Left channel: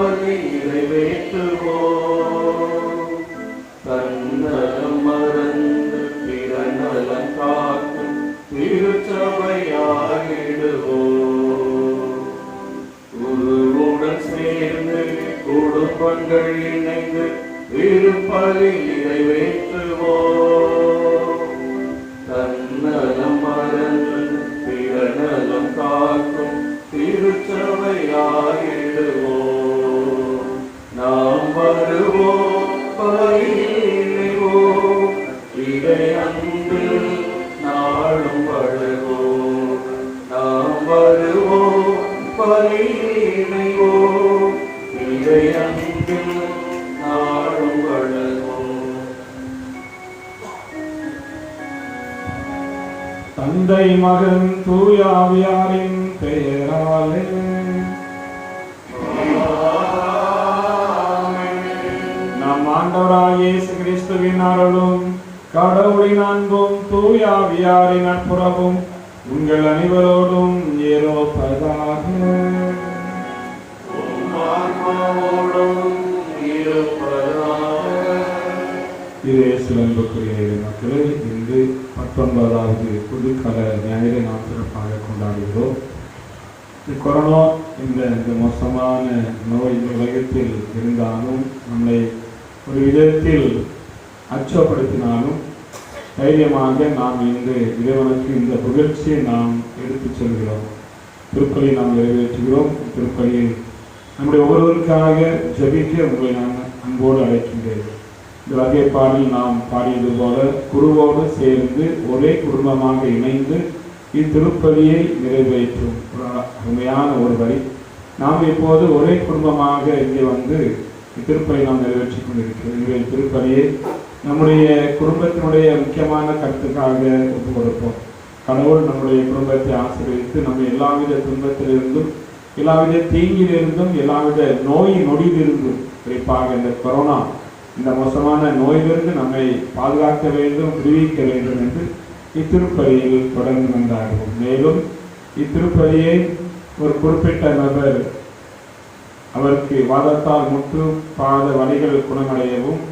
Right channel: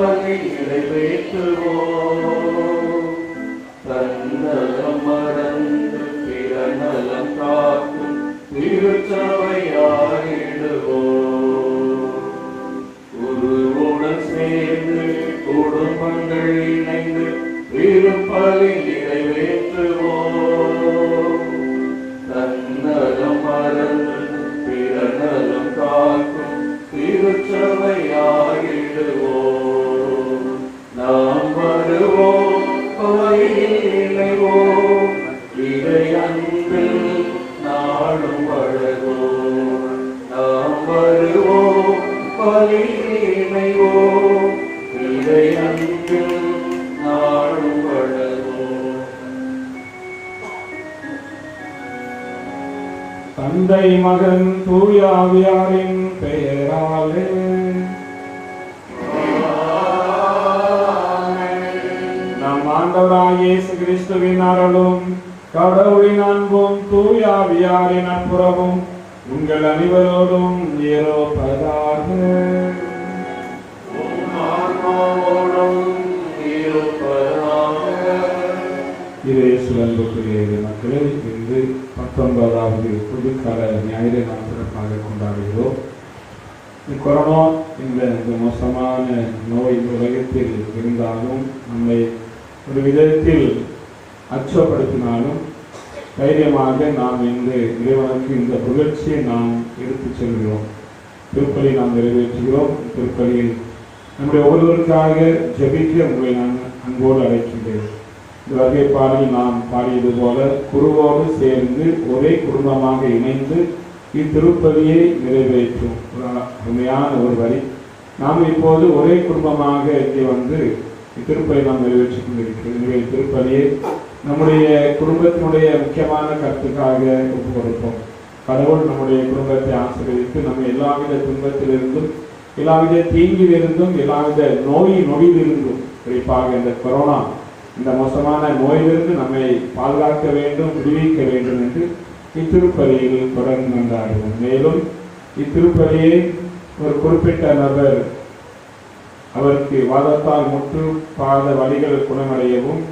திருப்பலி நிறைவேற்றுவோம். தன்னலம் மறந்து பிறநலம் காக்கும் திருச்சபையாகிடுவோம். குருவுடன் சேர்ந்து குடும்பங்கள் இணைந்து திருப்பலி நிறைவேற்றுவோம். தன்னலம் மறந்து பிறநலம் காக்கும் திருச்சபையாகிடுவோம். நாம் வருவோம், இணைவோம், இதை அன்பு நாளும் வழங்குவோம். நாம் வருவோம், இணைவோம், இதை அன்பு நாளும் வழங்குவோம். தந்தை மகன் தூய ஆவியாரின் பெயராலே நம் ஆண்டவராகிய இயேசு கிறிஸ்துவின் அருளும் கடவுளின் அன்பும் தூய ஆவியாரின் நட்புறவும் உங்கள் அனைவரோடும் இருப்பதாக. மக்களே, இன்று 19வது புதுக்கால ஞாயிறு நாம் சிறப்பாக கொண்டாடுகிறோம். கொரோனா இந்த மோசமான நோய் இந்த உலகத்தில் இருந்தாலும் நம்மை ஒரு விதத்தில் அச்சப்படுத்தினாலும் தைரியமாக நாம் இன்று இறைவனுக்கு இந்த புகழ்ச்சியை நாம் எடுத்துச் செல்கிறோம். திருப்பலியை நாம் நிறைவேற்றுகிறோம். திருப்பலியில் நம்முடைய ஒவ்வொருவருக்காக ஜெபிக்க உங்களை நான் அன்போடு அழைக்கின்றேன். இந்த வகை பாடல் நாம் பாடியது போல குருவோடு சேர்ந்து ஒரே குடும்பமாக இணைந்து இத்திருப்பலியை நிறைவேற்றும் அருமையான ஒரு வரி. நாம் இப்போது ஒரே குடும்பமாக இங்கே வந்து இத்திருப்பலியை நாம் நிறைவேற்றிக் கொண்டிருக்கிறோம். திருப்பலியை நம்முடைய குடும்பத்தினுடைய முக்கியமான கருத்துக்காக ஒப்புக் கொடுப்போம். கடவுள் நம்முடைய குடும்பத்தை ஆசீர்வதித்து நம்ம எல்லாவித துன்பத்திலிருந்தும் எல்லாவித தீங்கிலிருந்தும் எல்லாவித நோய் நொடியிலிருந்தும் குறிப்பாக இந்த கொரோனா இந்த மோசமான நோயிலிருந்து நம்மை பாதுகாக்க வேண்டும், விடுவிக்க வேண்டும் என்று இத்திருப்பலியில் தொடர்ந்து கொண்டாடுவோம். மேலும் இத்திருப்பலியை ஒரு குறிப்பிட்ட நபர் அவருக்கு வாதத்தால் முற்று பாத வலிகள் குணமடையவும்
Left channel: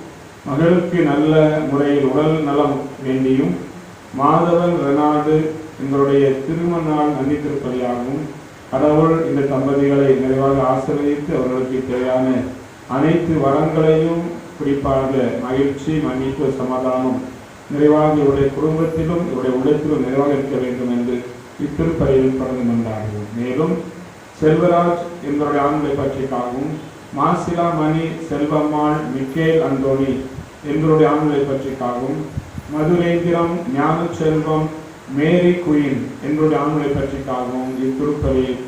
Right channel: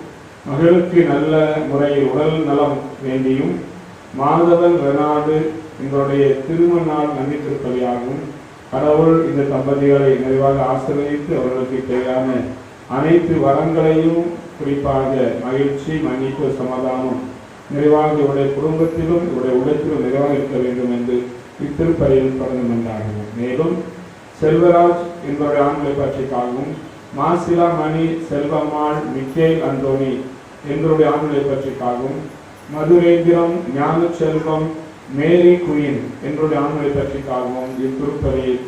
மகளுக்கு நல்ல முறையில் உடல் நலம் வேண்டியும் மாதவன் ரெனாடு எங்களுடைய திருமண நாள் நன்றி திருப்பலியாகவும் கடவுள் இந்த தம்பதிகளை நிறைவாக ஆசீர்வதித்து அவர்களுக்கு தேவையான அனைத்து வரங்களையும் குறிப்பாக மகிழ்ச்சி, மன்னிப்பு, சமாதானம் நிறைவாக இவருடைய குடும்பத்திலும் இவருடைய உள்ளத்திலும் நிறைவாக இருக்க வேண்டும் என்று இத்திருப்பலியில் தொடர்ந்து கொண்டாடுவோம். மேலும் செல்வராஜ் என்பவருடைய ஆண்களை பற்றிக்காகவும் மாசிலா மணி, செல்வம்மாள், மிக்கேல் அந்தோனி என்பவருடைய ஆண்களை பற்றிக்காகவும் மதுரேந்திரம், ஞான செல்வம், மேரி குயின் என்பவருடைய ஆண்களை பற்றிக்காகவும் இத்திருப்பலியில்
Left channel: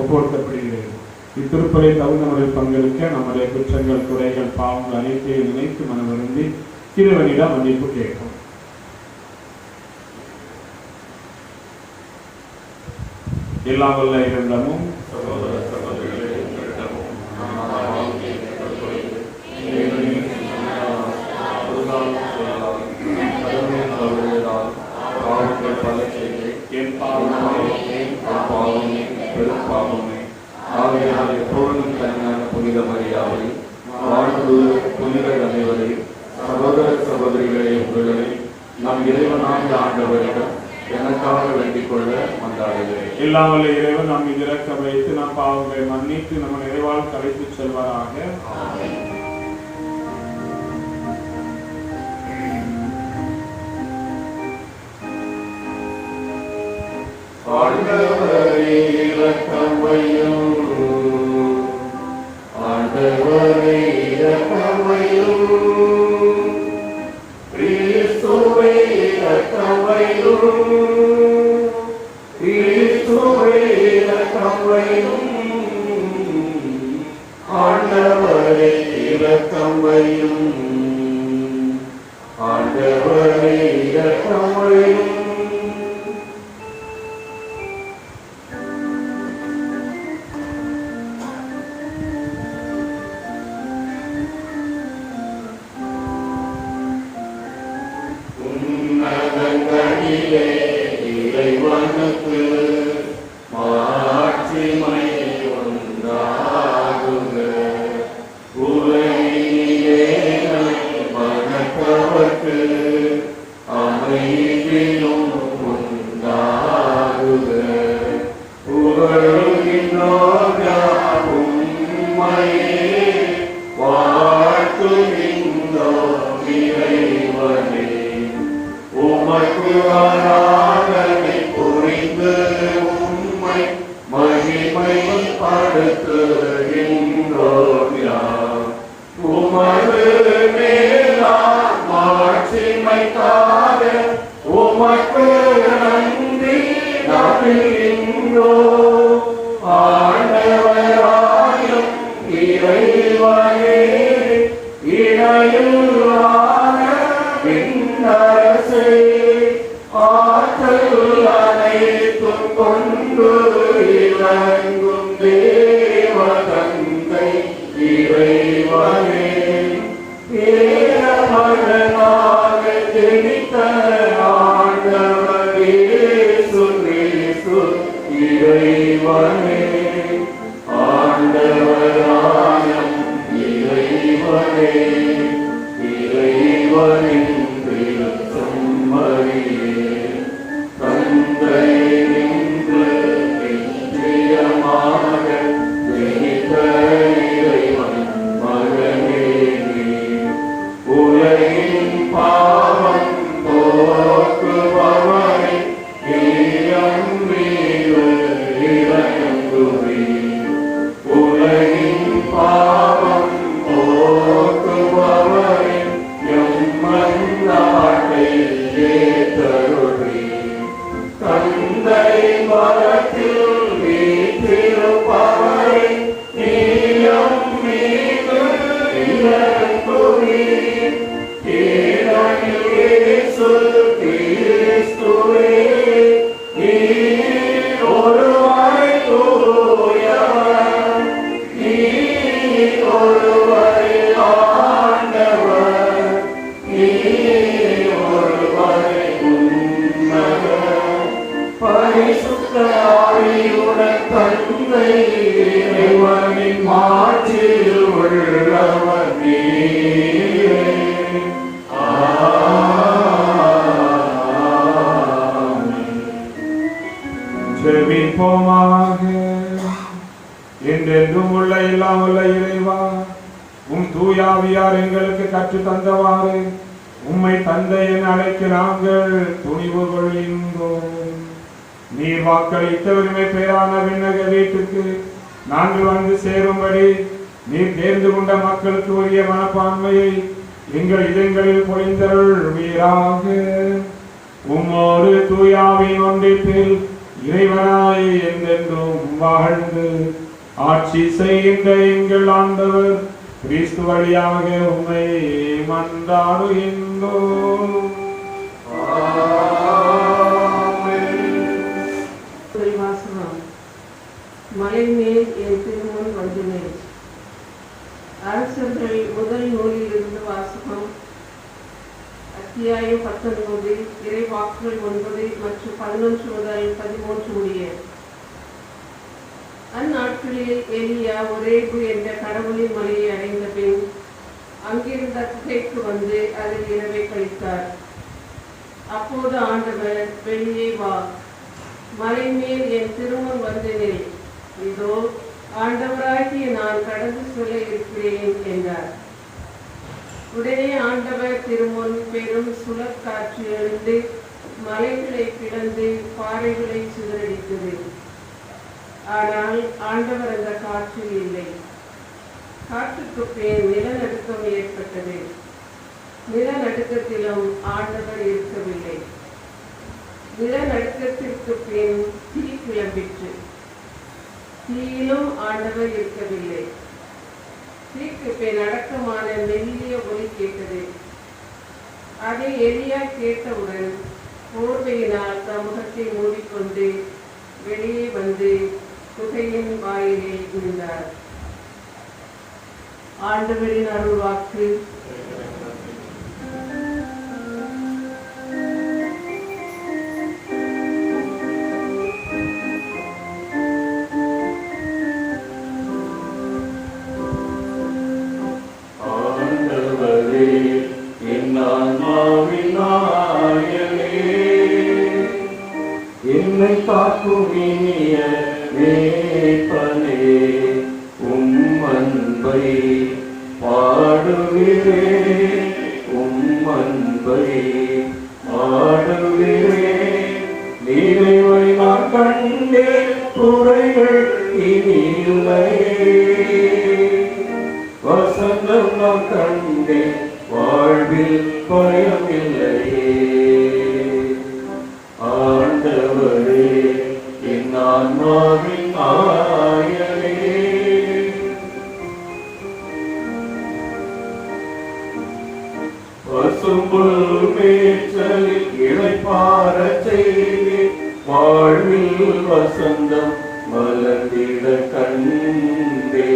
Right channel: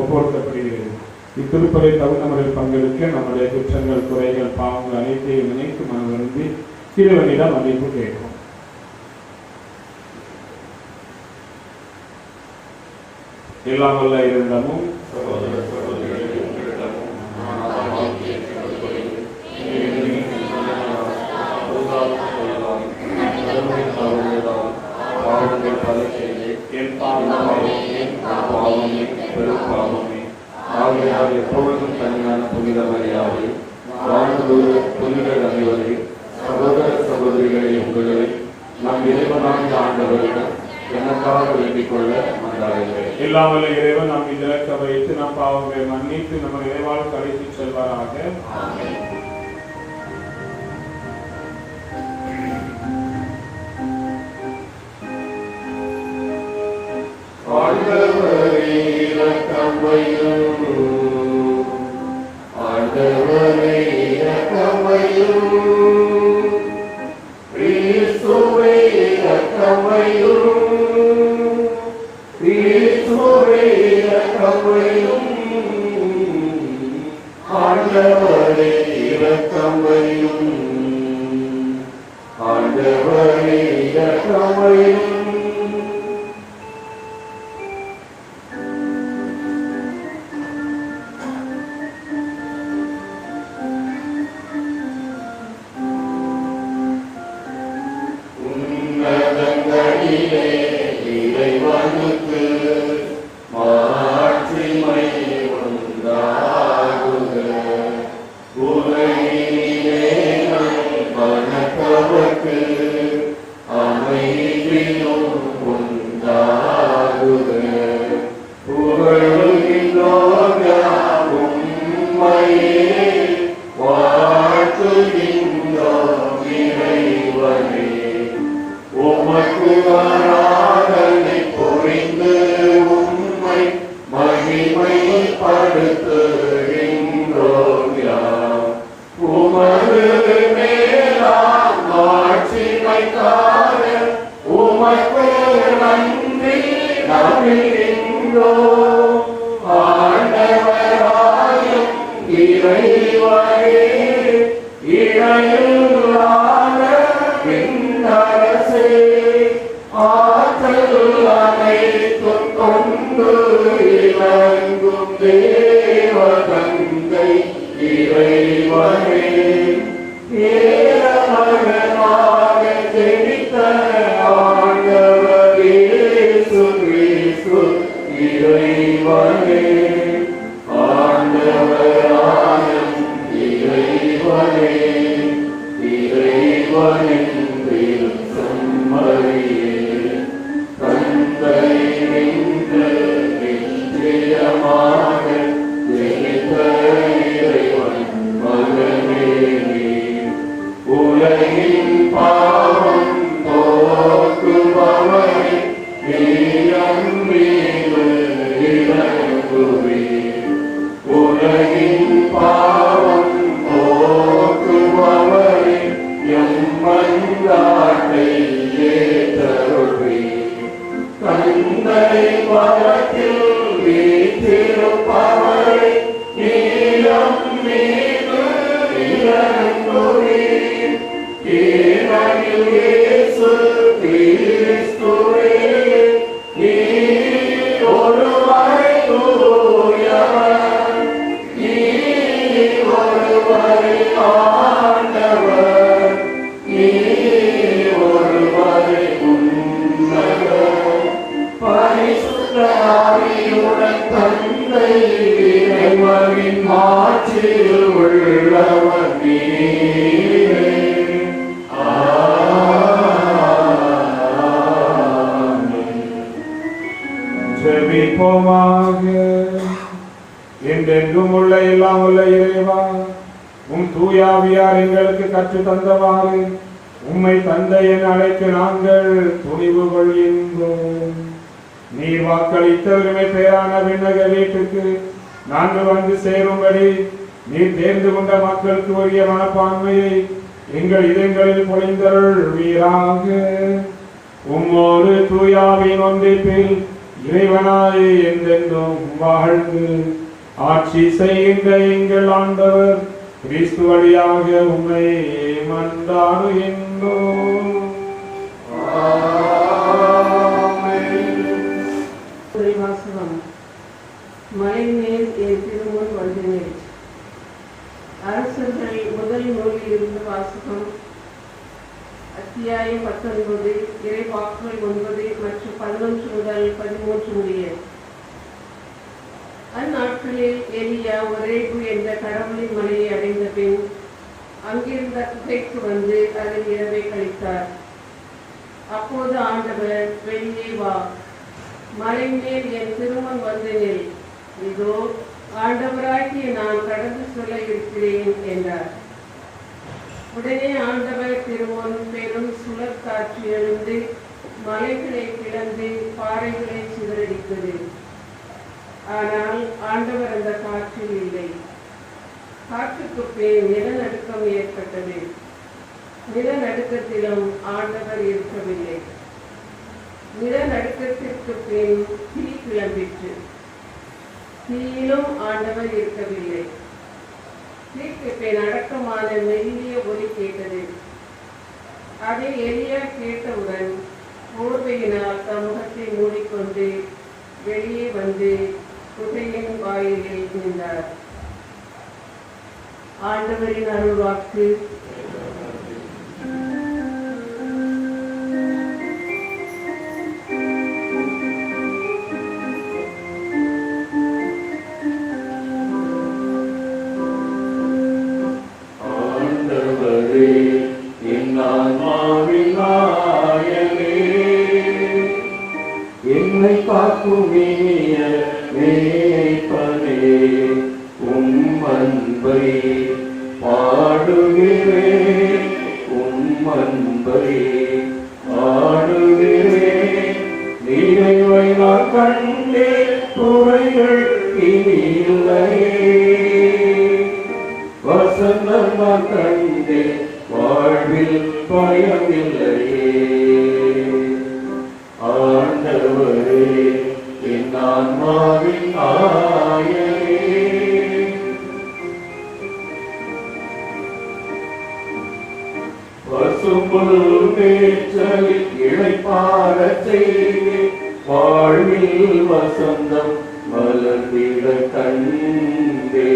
ஒப்புக்கொடுக்கப்படுகிறது. இத்திருப்பலில் தகுந்த முறையில் பங்கெடுக்க நம்முடைய குற்றங்கள், குறைகள், பாவங்கள் அனைத்தையும் நினைத்து மனவருந்தி இறைவனிடம் மன்னிப்பு கேட்போம். எல்லா வல்ல இறைவனிடமும் எப்பொழுதும் தனியான புனித மரியாதை புனிதர் அனைவரை சகோதர சகோதரிகளை உங்களை நம் இறைவனாகிய ஆண்டவரிடம் எனக்காக வேண்டிக் கொள்ள வந்தாடுகிறேன். இல்லாமல் இறைவன் நாம் இறக்க வைத்து நம் பாவங்களை மன்னித்து நம்ம இறைவால் கடைத்து செல்வாராக. ஆண்டவரே இரக்கம் வையும், ஆண்டவரே இரக்கம் வையும், கிறிஸ்துவே இரக்கம் வையும், கிறிஸ்துவே இரக்கம் வையும், ஆண்டவரே இரக்கம் வையும், ஆண்டவரே இரக்கம் வையும். வாழ்த்துகின்றோம் யாம். உமது மேலாம் ஆட்சிமைக்காக உமக்கு நன்றி நவிழ்கின்றோம். ஆண்டவராயும் இறைவனே இணையில்லாத விண்ணரசே, ஆற்றல் அனைத்தும் கொண்டு இறங்கும் தேவதந்தை இறைவனே, ஏறமகனாக ஜெனித்த ஆண்டவர் இயேசு கிறிஸ்து இறைவனே, ஆண்டவராயும் இறைவனே, இறைவனின் திருச்செம்மறியே, தந்தை நின்று நிச்சயமாக ஜெனித்த இறைவன் மகனே நீ, உலகின் பாவம் போக்குபவரே, நீயம் மீது இறங்குவீர். உலகின் பாவம் போக்குபவரே, எம்மந்தாட்டை ஏற்றருள்வீர். தந்தை வலத்தில் வீற்றிருப்பவரே, நீயம் மீது இறங்குவீர். ஏனெனில் இயேசு கிறிஸ்துவே நீர் ஒருவரே தூயவர், நீர் ஒருவரே ஆண்டவர், நீர் ஒருவரே உன்னதர். பரிசுத்த ஆவியுடன் தந்தை இறைவனின் ஆட்சியில் உள்ளவர் நீரே. ஜெபிப்போமாக. என்றென்றும் உள்ள எல்லாம் உள்ள இறைவா, உம் தூயாவியார் எங்களுக்கு கற்றுத் தந்தவாறு உம்மை தந்தை என அழைக்க நாங்கள் துணிவு கொள்கின்றோம். நீர் வாக்களித்த உரிமை பேரான விண்ணக வீட்டுக்கு நாங்கள் வந்து சேரும்படி நீர் தேர்ந்து கொண்ட மக்களுக்கு உரிய மனப்பான்மையை எங்கள் இதயங்களில் பொழிந்தருள்வீராக. உம்மோடு தூயாவின் ஒன்றிப்பில் இறைவனாய் என்றென்றும் வாழ்ந்து ஆட்சி செய்கின்ற எங்கள் ஆண்டவர் கிறிஸ்து வழியாக உம்மை மன்றாடுகின்றோம். வாசகம். மலைமேல் என் திருமுன் வந்தினேன். அரசர்கள் முதல் நூலிலிருந்து வாசகம். அத்தியாயம் 19, இறைவாக்குகள் 9 மற்றும் 11 முதல் 13 முடிய. அந்நாட்களில் எலியா ஒரேபு என்ற கடவுளின் மலையை அடைந்த பின் அங்கிருந்த குகைக்கு வந்து அதில் இரவை கழித்தார். அப்போது ஆண்டவர், வெளியே வா, மலை மேல் என் திருமுன் வந்து நில், இதோ ஆண்டவராகிய நான் கடந்து சொல்ல இருக்கிறேன் என்றார். உடனே ஆண்டவர் திருமுன் பெரும் சுழற்காற்று எழுந்து மலைகளை பிளந்து பாறைகளை சிதறடித்தது. ஆனால் ஆண்டவர் அந்த காற்றில் இல்லை. காற்றுக்கு பின் நிலநடுக்கம் ஏற்பட்டது. நிலநடுக்கத்திலும் ஆண்டவர் இருக்கவில்லை. நிலநடுக்கத்திற்கு பின் தீ கிளம்பிற்று. தீயிலும் ஆண்டவர் இருக்கவில்லை. தீக்கு பின் அடக்கமான மெல்லிய ஒலி கேட்டது. அதை எலியா கேட்டவுடன் போர்வையினால் தம் முகத்தை மூடிக்கொண்டு வெளியே வந்து குகையின் வாயிலில் இருந்தார். ஆண்டவரின் அருள்வாக்கு. என்னை காக்கும் இனிய மேய்ப்பனே, உம் அன்பை பாடுகிறேன், உம் அன்பை பாடுகிறேன். நினைவை நான் கண்டேன், குறைகள் இனி இல்லை. வசந்தம் நான் கண்டேன் வாழ்வில் பயமில்லையே. ஆண்டவரே என் ஆன்மாவின் ஆயரே. பசும்புல் மேய்ச்சலில் இளைப்பாறச் செய்து வாழ்வில் வசந்தம் வளர்ந்திட கண்டே.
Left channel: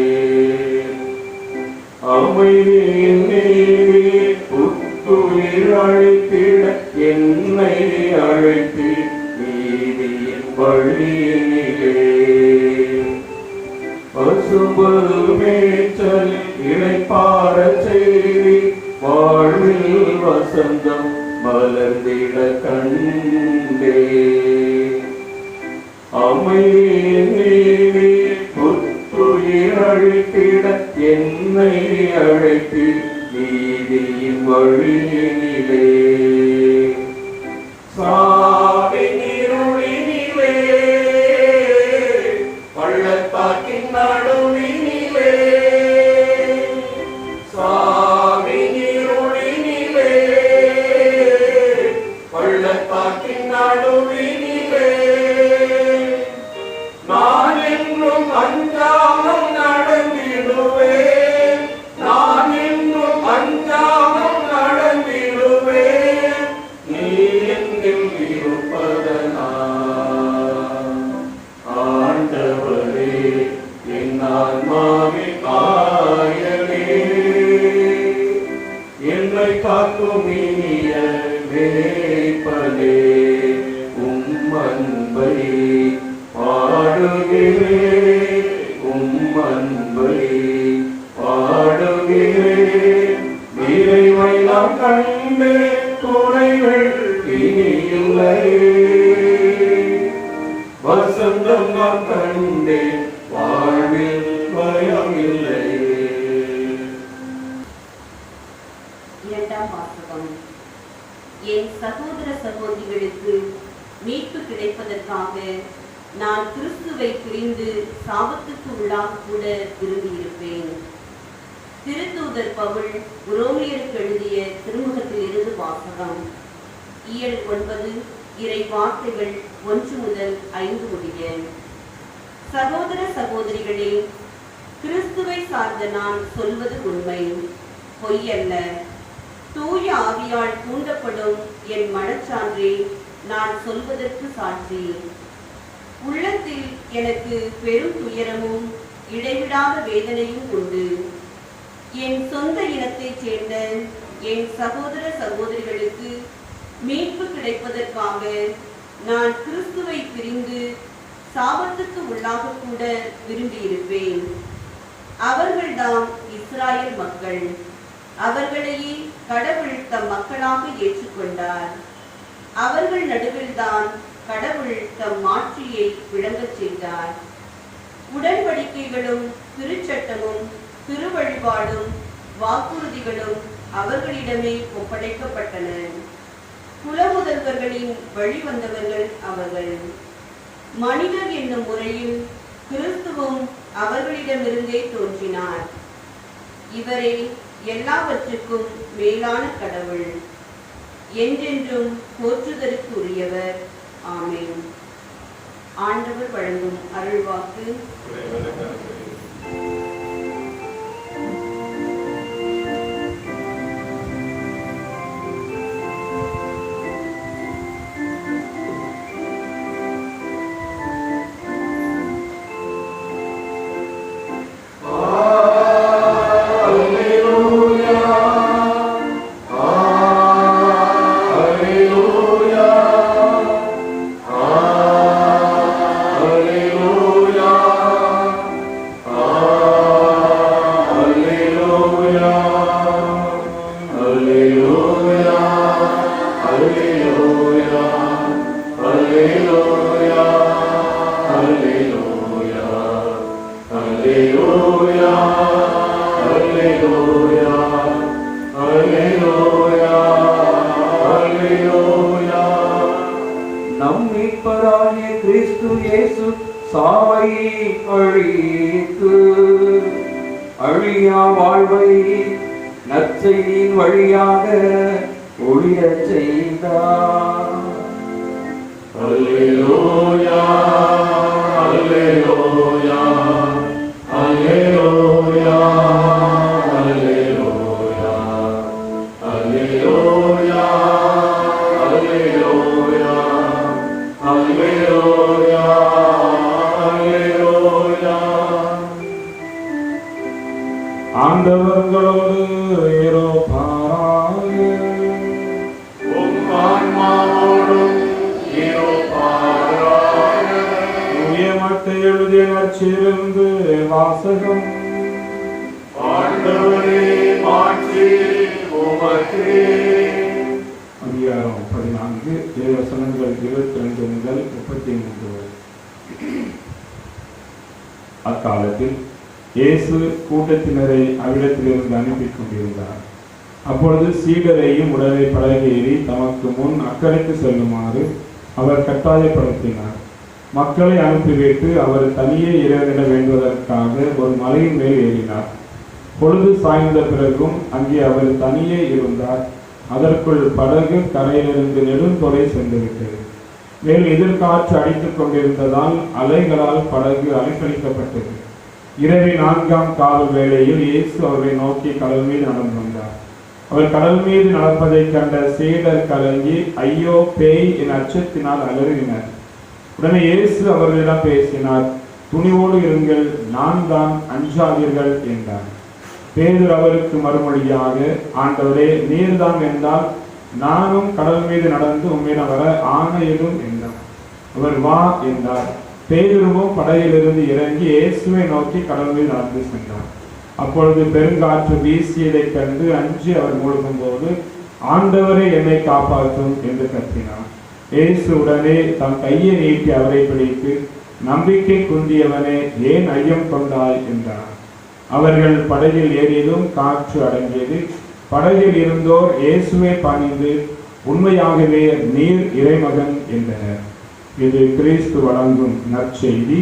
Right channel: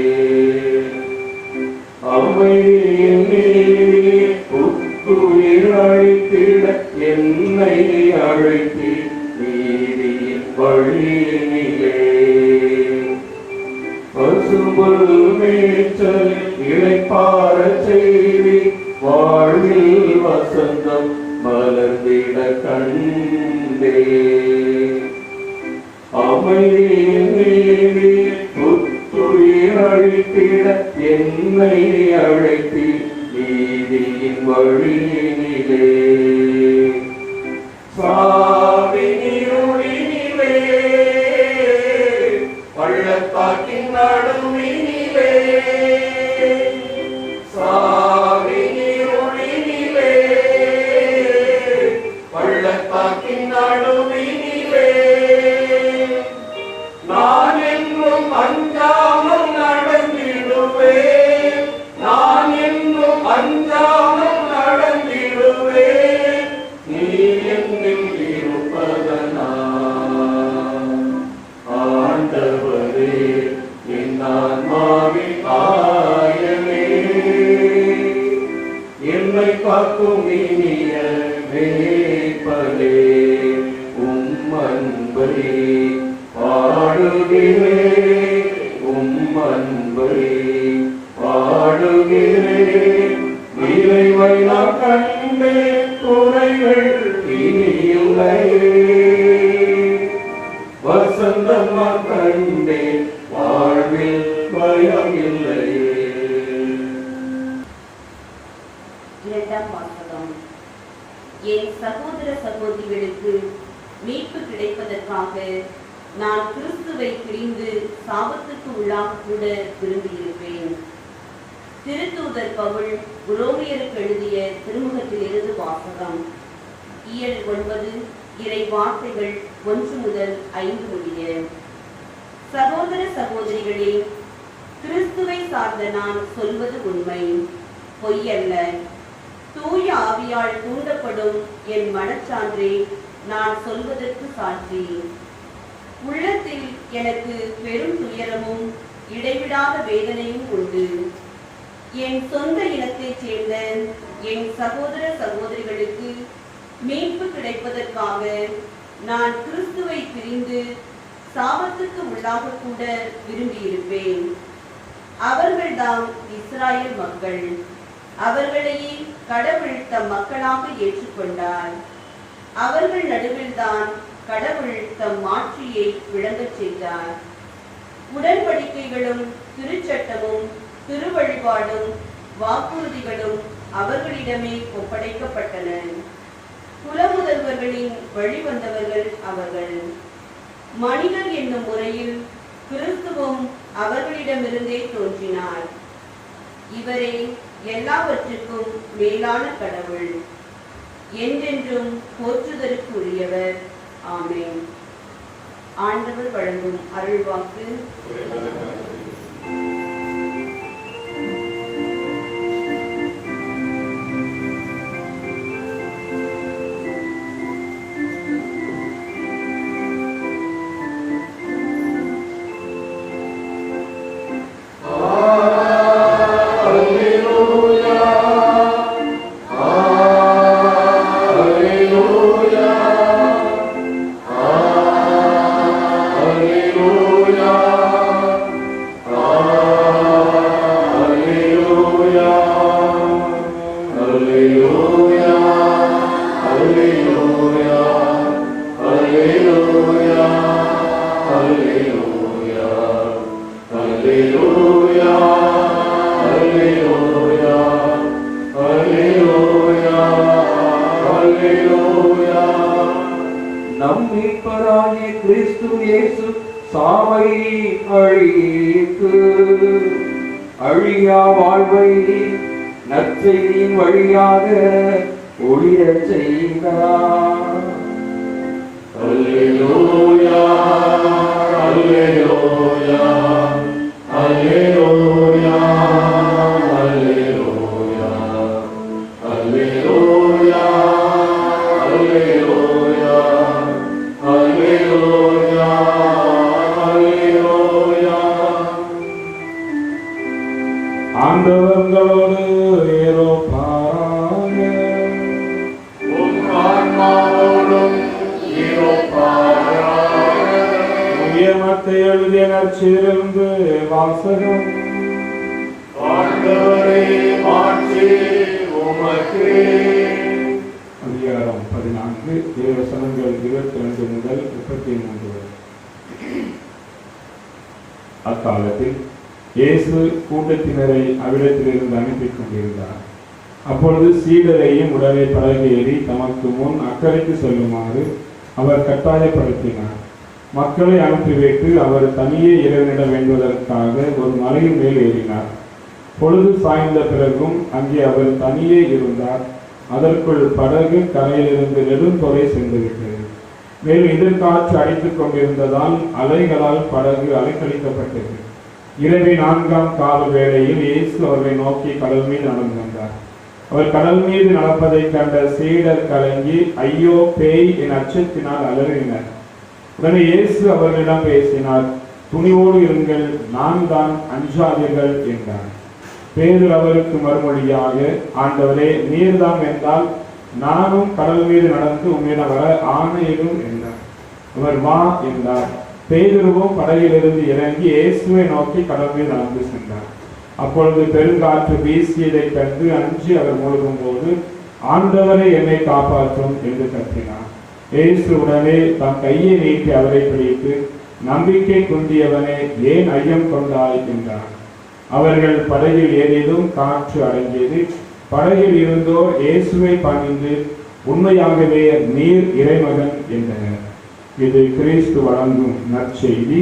அமைதியிலே புத்துயிர் அழைத்திட என்னை அழைத்தி நீதியின் வழியினிலே. பசும்புல் மேய்ச்சலில் இளைப்பாறச் செய்தி வாழ்வில் வசந்தம் மலர்ந்திட கண்டே. அமைதியிலே புத்துயிர் அழைத்திட என்னை அழைத்தி நீதியின் வழியினிலே. சாவின் இருளினிலே பள்ளத்தாக்கின் நடுவினிலே. சாவின் இருளினிலே பள்ளத்தாக்கின் நடுவினிலே. நான் என்றும் அஞ்சாமல் நடந்திடுவேன். நான் என்றும் அஞ்சாமல் நடந்திடுவேன். நீ என்னில் இருப்பதனால். ஆண்டவரே என் ஆன்மாவின் ஆயரே. என்னை காக்கும் இனிய மேய்ப்பனே, உம் அன்பை பாடுகிறேன். உம் அன்பை பாடுகிறேன். இறைவை நாம் கண்டே குறைகள் இனியில்லையே. வசந்தம் நாம் கண்டே வாழ்வில் பயமில்லையே. இரண்டாம் வாசகம். என் சகோதர சகோதரிகளுக்கு மீட்பு கிடைப்பதற்காக நான் கிறிஸ்துவை பிரிந்து சாபத்துக்கு உள்ளாக கூட விரும்பியிருப்பேன். திருத்தூதர் பவுல் ரோமியருக்கு எழுதிய திருமுகத்திலிருந்து வாசகம். இயல் 9 இறை வார்த்தைகள் 1 முதல் 5 முடிய. சகோதர சகோதரிகளே, கிறிஸ்துவை சார்ந்த நான் சொல்வது உண்மை, பொய்யல்ல. தூய ஆவியால் தூண்டப்படும் என் மனச்சான்றே நான் சொல்வதற்கு சாட்சி. உள்ளத்தில் எனக்கு பெரும் துயரமும் இடைவிடாத வேதனையும் உண்டு. என் சொந்த இனத்தைச் சேர்ந்த என் சகோதர சகோதரிகளுக்கு மீட்பு கிடைப்பதற்காக நான் கிறிஸ்துவை பிரிந்து சாபத்துக்கு உள்ளாக கூட விரும்பியிருப்பேன். அவர்கள்தாம் இஸ்ராயல் மக்கள். அவர்களையே கடவுள் தம் மக்களாக ஏற்றுக்கொண்டார். அவர்கள் நடுவில்தான் கடவுள் தம் மாட்சியை விளங்கச் செய்தார். உடன்படிக்கைகளும் திருச்சட்டமும் திருவழிபாடும் வாக்குறுதிகளும் அவர்களிடமே ஒப்படைக்கப்பட்டன. குலமுதல்வர்களின் வழிவந்தவர்கள் அவர்கள். மனிதர் என்னும் முறையில் கிறிஸ்துவும் அவர்களிடமிருந்தே தோன்றினார். இவரே எல்லாவற்றுக்கும் மேலான கடவுள், என்றென்றும் போற்றுதலுக்கு உரியவர். ஆமென். ஆண்டவர் வழங்கும் அருள்வாக்கு. நம் மீட்பராகிய கிறிஸ்து இயேசு சாவை அழித்து அழியா வாழ்வை நற்செய்தியின் வழியாக ஒளிரச் செய்தார். அல்லேலூயா அல்லேலூயா அல்லேலூயா அல்லேலூயா அல்லேலூயா அல்லேலூயா அல்லேலூயா அல்லேலூயா. ஆண்டவர்களோடு இருப்பாராக. உம் ஆன்மாவோடும் இருப்பாராக. உயர்மத்தை எழுதிய நற்செய்தியிலிருந்து வாசகம். ஆண்டவரே மாட்சி உமக்கே. அதிகாரம் 14 வசனங்கள் 22 முதல் 33 வரை. அக்காலத்தில் இயேசு கூட்டத்தினரை அவ்விடத்திலிருந்து அனுப்பி கொண்டிருந்தார். அப்பொழுது சீடரையும் உடனே படகேறி தமக்கு முன் அக்கறைக்கு செல்லுமாறு அவர் கட்டாயப்படுத்தினார். மக்களை அனுப்பிவிட்டு அவர் தனியே இறைவனிட வேண்டுவதற்காக ஒரு மலையின் மேல் ஏறினார். பொழுது சாய்ந்த பிறகும் அங்கே அவர் தனியே இருந்தார். அதற்குள் படகு கரையிலிருந்து நெடுந்தொலை சென்றுவிட்டது. மேலும் எதிர்காற்று அடித்துக் கொண்டிருந்ததால் அலைகளால் படகு அலைக்கழிக்கப்பட்டது. இரவு 4ஆம் கால வேளையில் இயேசு அவரை நோக்கி கடல் மீது நடந்து வந்தார். அவர் கடல் மீது நடப்பதை கண்ட சீடர் கலங்கி ஐயோ பேய் என் அச்சத்தினால் அலறினர். உடனே இயேசு அவர்களிடம் பேசினார். துணிவோடு இருங்கள், நான் தான், அஞ்சாதீர்கள் என்றார். பேதுரு அவருக்கு மறுமொழியாக, ஆண்டவரே நீர்தான் என்றால் நானும் கடல் மீது நடந்து உம்மிடம் வர ஆணையிடும் என்றார். அவர் வா என்றார். பேதுருவும் படகிலிருந்து இறங்கி இயேசுவை நோக்கி கடல் மீது நடந்து சென்றார். அப்பொழுது பெருங்காற்று வீசியதைக் கண்டு அஞ்சி அவர் மூழ்கும் போது, ஆண்டவரை என்னை காப்பாற்றும் என்று கத்தினார். இயேசு உடனே தம் கையை நீட்டி அவரை பிடித்து, நம்பிக்கை குன்றியவனே ஏன் ஐயம் கொண்டாய் என்றார். அவர்கள் படகில் ஏறியதும் காற்று அடங்கியது. படகில் இருந்தோர் இயேசுவை பணிந்து உண்மையாகவே நீர் இறைமகன் என்றனர். இது கிறிஸ்து வழங்கும் நற்செய்தி.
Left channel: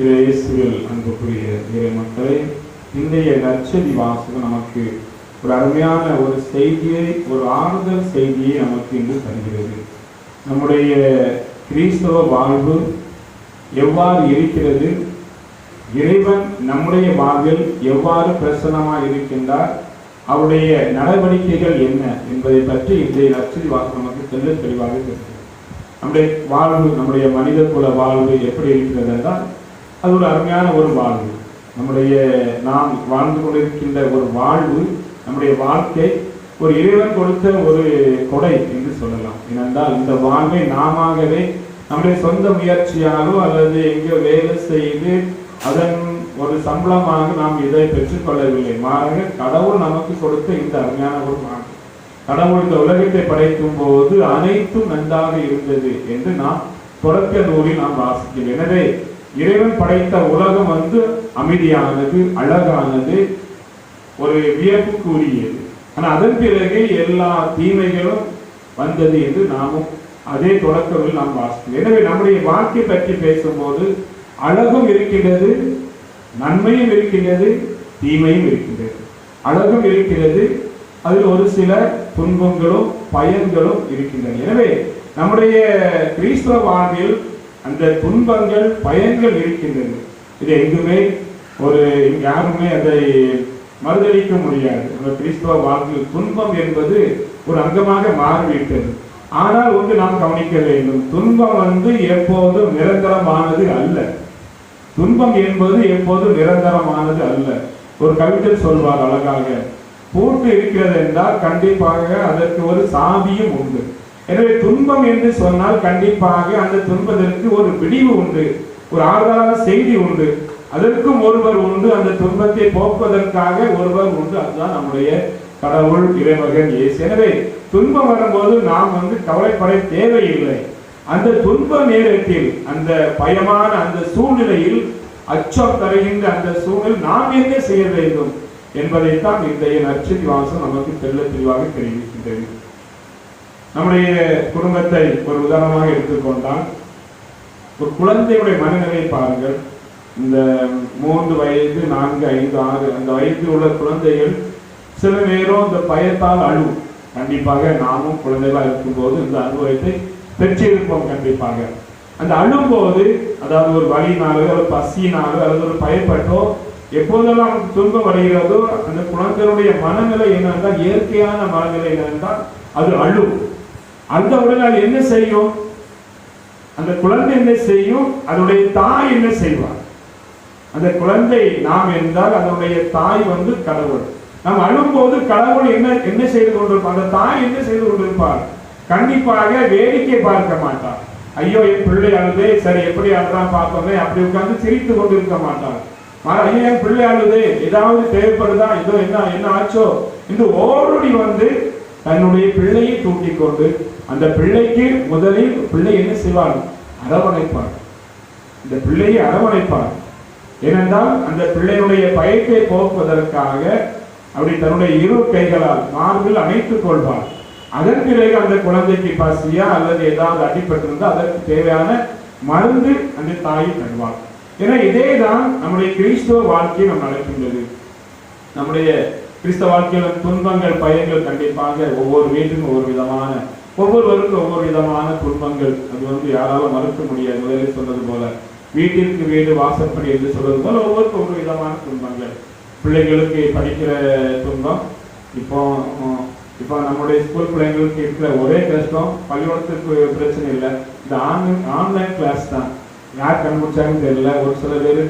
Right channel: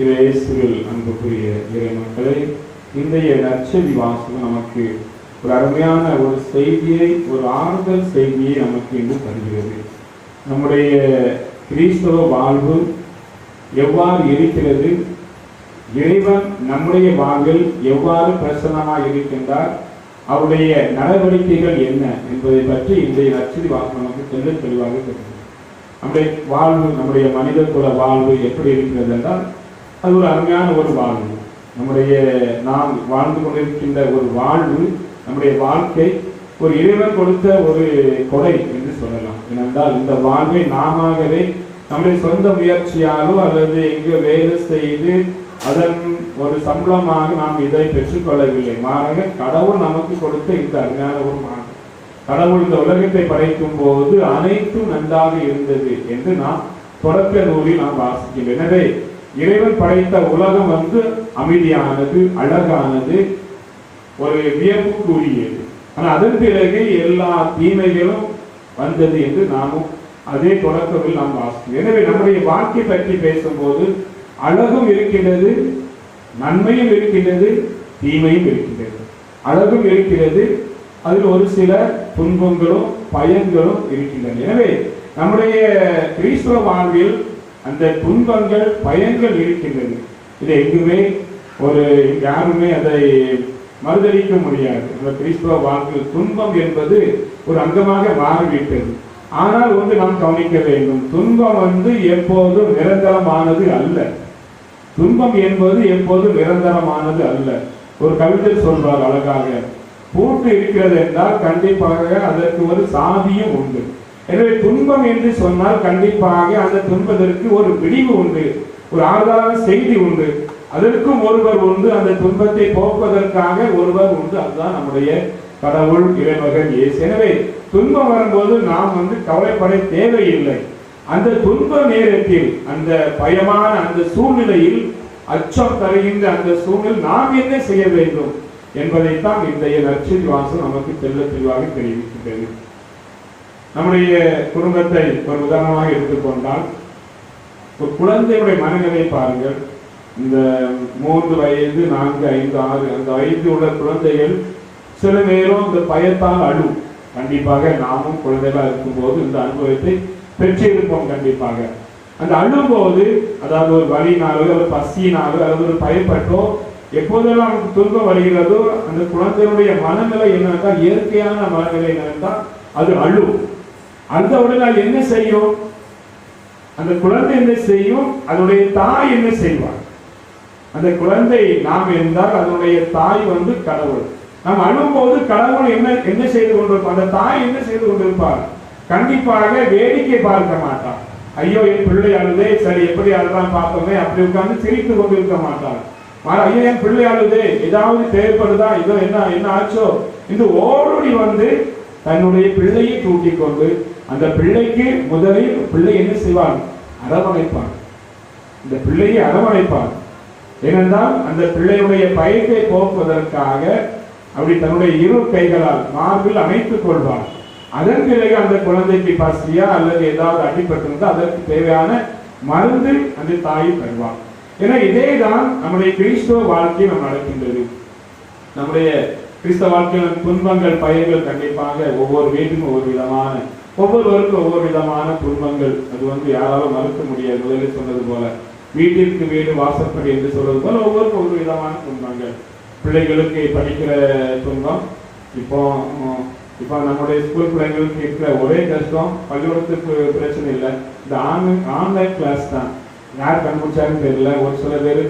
இயேசுவில் அன்புக்குரிய இறை மக்களை, இன்றைய நற்செய்தி வாசகம் நமக்கு ஒரு அருமையான ஒரு செய்தியை, ஒரு ஆறுதல் செய்தியை நமக்கு இன்று தருகிறது. நம்முடைய கிறிஸ்தவ வாழ்வு எவ்வாறு இருக்கிறது, இறைவன் நம்முடைய வாழ்வில் எவ்வாறு பிரசன்னமாக இருக்கின்றார், அவருடைய நடவடிக்கைகள் என்ன என்பதை பற்றி இன்றைய நற்செய்தி வாசகம் நமக்கு தெல்ல தெளிவாக தெரிகிறது. நம்முடைய வாழ்வு, நம்முடைய மனித குல வாழ்வு எப்படி இருக்கிறது என்றால் அது ஒரு அருமையான ஒரு வாழ்வு. நம்முடைய நாம் வாழ்ந்து கொண்டிருக்கின்ற ஒரு வாழ்வு, நம்முடைய வாழ்க்கை ஒரு இறைவன் கொடுத்த ஒரு கொடை என்று சொல்லலாம். ஏனென்றால் இந்த வாழ்வை நாமவே நம்முடைய சொந்த முயற்சியாலோ அல்லது எங்கோ வேலை செய்து அதன் ஒரு சம்பளமாக நாம் இதை பெற்றுக்கொள்ளவில்லை. மாறாக கடவுள் நமக்கு கொடுத்த இந்த அருமையான ஒரு வாழ்வு. கடவுள் இந்த உலகத்தை படைக்கும் போது அனைத்தும் நன்றாக இருந்தது என்று நாம் தொடக்க நூலில் நாம் வாசிக்கிறோம். எனவே இறைவன் படைத்த உலகம் அமைதியானது, அழகானது, ஒரு வியப்புக்குரியது. ஆனால் அதன் பிறகு எல்லா தீமைகளும் வந்தது என்று நாமும் அதே தொடக்கத்தில் நாம் வாசிக்கிறோம். எனவே நம்முடைய வாழ்க்கை பற்றி பேசும்போது அழகும் இருக்கின்றது, நன்மையும் இருக்கின்றது, தீமையும் இருக்கின்றது. அழகும் இருக்கிறது, அதில் ஒரு சில துன்பங்களும் பயன்களும் இருக்கின்றன. எனவே நம்முடைய கிறிஸ்தவ வாழ்வில் அந்த துன்பங்கள் பயன்கள் இருக்கின்றது. இது எங்குமே யாருமே அதை மறுதளிக்க முடியாது. நம்ம கிறிஸ்தவ வாழ்வில் துன்பம் என்பது ஒரு அங்கமாக மாறிவிட்டது. ஆனால் நாம் கவனிக்க வேண்டும், துன்பம் எப்போதும் நிரந்தரமானது அல்ல. துன்பம் என்பது எப்போதும் நிரந்தரமானது அல்ல. ஒரு கவிஞர் சொல்வார் அழகாக, பூட்டு இருக்கிறது என்றால் கண்டிப்பாக அதற்கு ஒரு சாவியும் உண்டு. எனவே துன்பம் என்று சொன்னால் கண்டிப்பாக அந்த துன்பத்திற்கு ஒரு விடிவு உண்டு, ஒரு ஆறுதலான செய்தி உண்டு, அதற்கும் ஒருவர் உண்டு, அந்த துன்பத்தை போக்குவதற்காக ஒருவர் உண்டு. அதுதான் நம்முடைய கடவுள், இறைமகன் இயேசு. எனவே துன்பம் வரும்போது நாம் கவலைப்பட தேவையில்லை. அந்த துன்ப நேரத்தில், அந்த பயமான அந்த சூழ்நிலையில், அச்சம் தருகின்ற அந்த சூழ்நிலையில் நாம் என்ன செய்ய வேண்டும் என்பதைத்தான் இன்றைய நற்செய்தி வாசகம் நமக்கு தெல்ல தெளிவாக தெரிவிக்கின்றது. நம்முடைய குடும்பத்தை ஒரு உதாரணமாக எடுத்துக்கொண்டால் ஒரு குழந்தையுடைய மனநிலை பாருங்கள். இந்த 3 வயது 4, 5, 6 அந்த வயதில் உள்ள குழந்தைகள் சில நேரம் இந்த பயத்தால் அழும். கண்டிப்பாக நாமும் குழந்தைகளா இருக்கும்போது இந்த அனுபவத்தை பெற்றிருப்போம். கண்டிப்பாக அந்த அழும்போது, அதாவது ஒரு வலியினாலோ ஒரு பசியினாலோ அல்லது ஒரு பயப்பட்டோ எப்போதெல்லாம் அவனுக்கு துன்பம் வருகிறதோ அந்த குழந்தையுடைய மனநிலை என்னென்றால், இயற்கையான மனநிலை என்னென்றால் அது அழும். அந்த உடனே அது என்ன செய்யும்? அந்த குழந்தை என்ன செய்யும்? அதனுடைய தாய் என்ன செய்வார்? அந்த குழந்தை நாம் என்றால் அதனுடைய தாய் கடவுள். நாம் அழும்போது கடவுள் என்ன செய்து கொண்டிருப்பார்? அந்த தாய் என்ன செய்து கொண்டிருப்பார்? கண்டிப்பாக வேடிக்கை பார்க்க மாட்டார். ஐயோ என் பிள்ளை அழுதே, சரி எப்படி அழுதான் பார்ப்போமே, அப்படி உட்கார்ந்து சிரித்து கொண்டிருக்க மாட்டார். ஐயோ என் பிள்ளை அழுதே, ஏதாவது தேவைப்படுதா, இதோ என்ன ஆச்சோ என்று ஓடி தன்னுடைய பிள்ளையை தூக்கி கொண்டு அந்த பிள்ளைக்கு முதலில் பிள்ளை என்ன செய்வார்? அரவணைப்பார். இந்த பிள்ளையை அரவணைப்பார். ஏனென்றால் அந்த பிள்ளையுடைய பயத்தை போக்குவதற்காக அப்படி தன்னுடைய 2 கைகளால் மார்பில் அணைத்துக் கொள்வார். அதன் பிறகு அந்த குழந்தைக்கு பசியா அல்லது ஏதாவது அடிபட்டிருந்தால் அதற்கு தேவையான மருந்து அந்த தாய் தருவார். ஏன்னா இதேதான் நம்முடைய கிறிஸ்தவ வாழ்க்கை நம்ம நடக்கின்றது. நம்முடைய கிறிஸ்தவ வாழ்க்கையில் துன்பங்கள் பயங்கள் கண்டிப்பாக ஒவ்வொரு வீட்டுக்கும் ஒவ்வொருவருக்கும் ஒவ்வொரு விதமான துன்பங்கள். அது யாராலும் மறுக்க முடியாது. முதலில் சொன்னது போல வீட்டிற்கு வீடு வாசப்படி என்று சொல்வது போல ஒவ்வொருக்கும் ஒவ்வொரு விதமான துன்பங்கள். பிள்ளைகளுக்கு படிக்கிற துன்பம். இப்போ நம்முடைய ஸ்கூல் பிள்ளைங்களுக்கு இருக்கிற ஒரே கஷ்டம், பள்ளிக்கூடத்துக்கு பிரச்சனை இல்லை, இந்த ஆன்லைன் கிளாஸ் தான். யார் கண்டுபிடிச்சாங்கன்னு தெரியல. ஒரு சில பேர்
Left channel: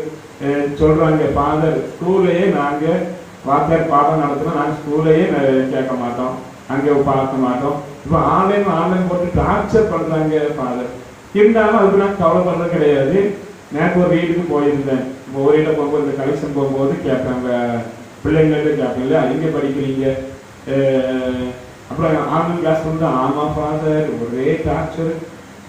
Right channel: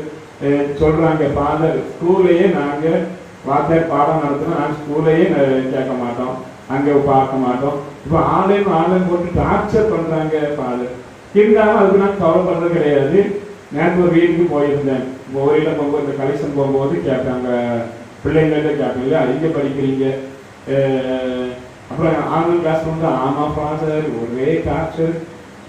சொல்றாங்க, ஃபாதர் ஸ்கூல்லையே நாங்கள் வாத்தியார் பாடம் நடத்தினா நாங்கள் ஸ்கூல்லையே கேட்க மாட்டோம், அங்கே பார்க்க மாட்டோம். இப்போ ஆன்லைன் போட்டு டார்ச்சர் பண்றாங்க ஃபாதர். இருந்தாலும் அதுக்கு நான் கவர் பண்றது கிடையாது. நேற்று ஒரு வீட்டுக்கு போயிருந்தேன். ஒரு வீட்டில் போகும்போது இந்த கலெக்ஷன் போகும்போது கேட்பாங்க, பிள்ளைங்கள்ட்ட கேட்பீங்க, அதிக படிக்கிறீங்க, அப்புறம் ஆன்லைன் கிளாஸ் வந்து ஆமா ஃபாதர் ஒரே டார்ச்சர்.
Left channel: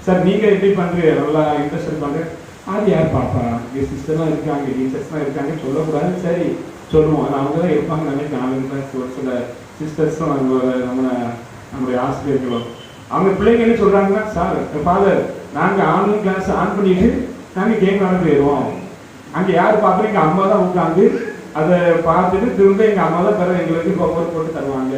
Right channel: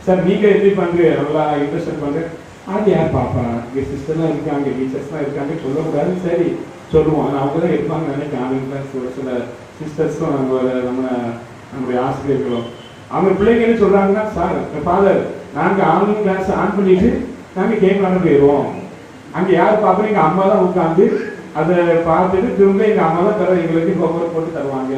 சார் நீங்க எப்படி பண்றீங்க, நல்லா இன்ட்ரெஸ்ட் பண்றேன். அது யார் பாப்பா, இங்கே சிஸ்டர்லாம் இருக்காங்க, டீச்சர்ஸ்லாம் இருக்காங்க, சொல்லக்கூடாது. சரி சொல்லுவோம், அவங்க தான் இருப்பாங்க நினைக்கிறேன். ஆன்லைன் கிளாஸ் ஒரு சில சிஸ்டர்ஸும் நம்முடைய ஆசிரியர்களும் அவங்க பிள்ளைங்க என்ன சொல்றாங்கன்னா, சார் ஃபாதர் நாங்கள் ஆன்லைன் கிளாஸ் ஆன் பண்ணிட்டு நாங்கள் கேம் ஆட போயிடுவோம். அங்கே யார் பார்க்குறீங்க, அம்மா தான் உட்காந்து அதை பார்த்துட்டு திரும்ப எங்கள் அம்மா தான் தர எங்களுக்கு ஹோம்ஒர்க் போட்டு தருவாங்க.